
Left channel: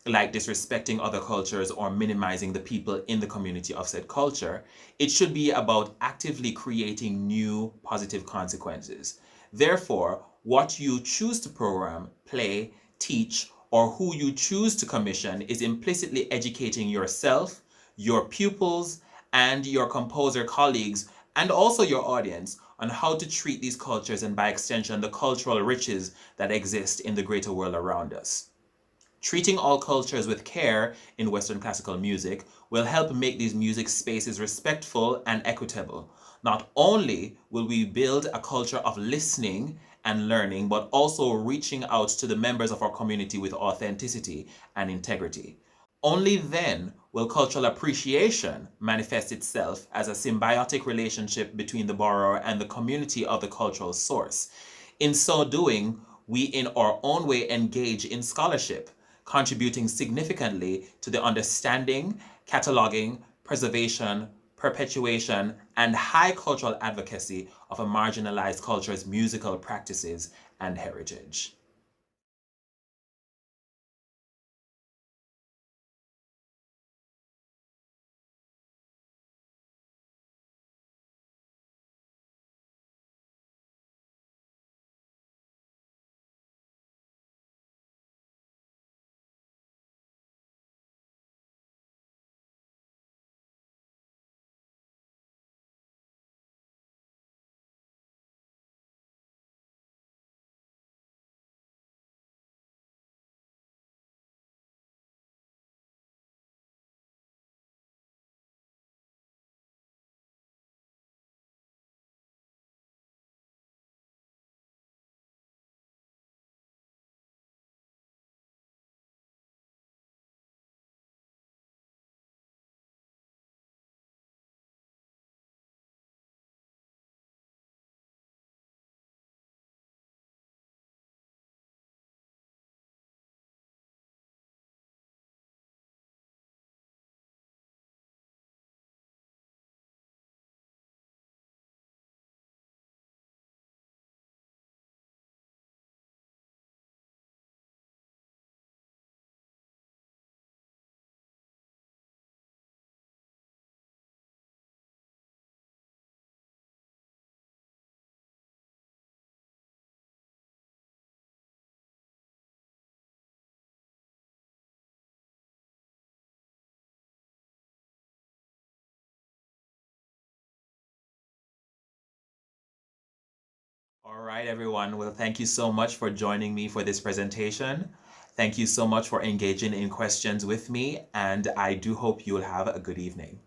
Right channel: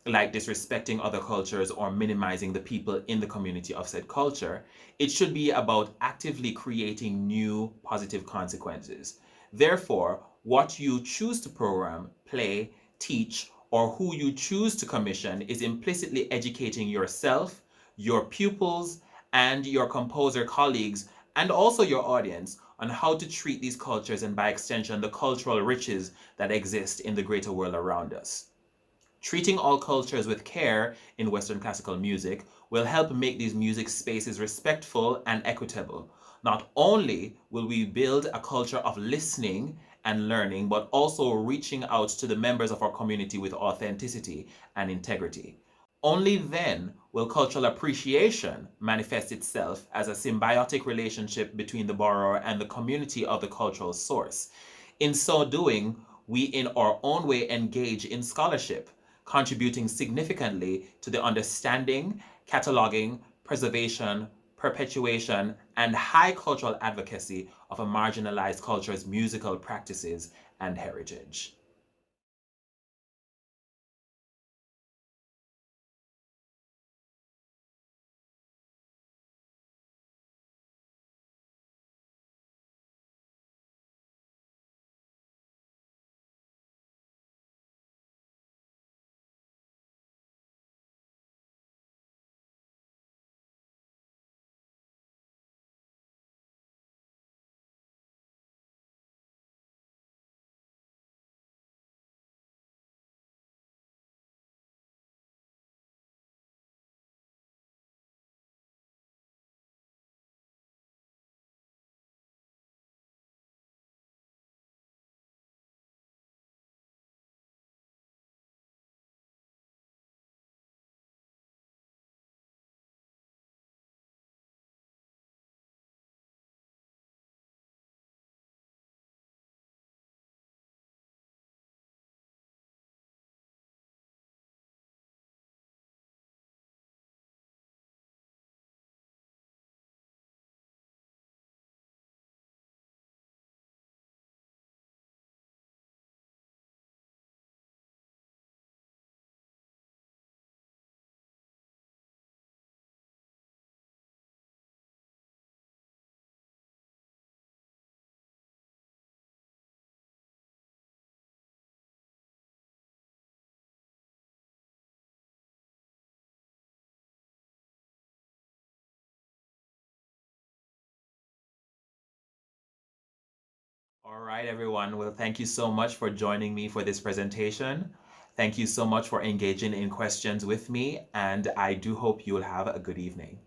like disrespecting other cultures or minimizing the people in the community of said culture. It should be about actively creating new positive consequences. Therefore, what you choose to program, play, teach, or who you choose to commission is implicitly educating yourself, your pupils, and your composer colleagues, and also your audience on how to treat these cultures and by extension the cultural riches that exist in the greater world around us. Treating all cultures with care in Western classical music will help make these music spaces respectful and equitable. Not only will we build a culture of listening and learning, but also reaching out to the members of our community with authenticity and integrity. Only then will cultural appreciation manifest itself as a symbiotic relationship between the borrower and the community of the cultural source. In so doing, we in our own way engage in scholarship, contributing significantly to the understanding cataloging, preservation, perpetuation, and high cultural advocacy of a marginalized culture's musical practices and heritage. All right, everyone. Well, thank you so much for joining me for this presentation. Thank you so much for engaging in questions with me, and I do hope you'll have a good evening.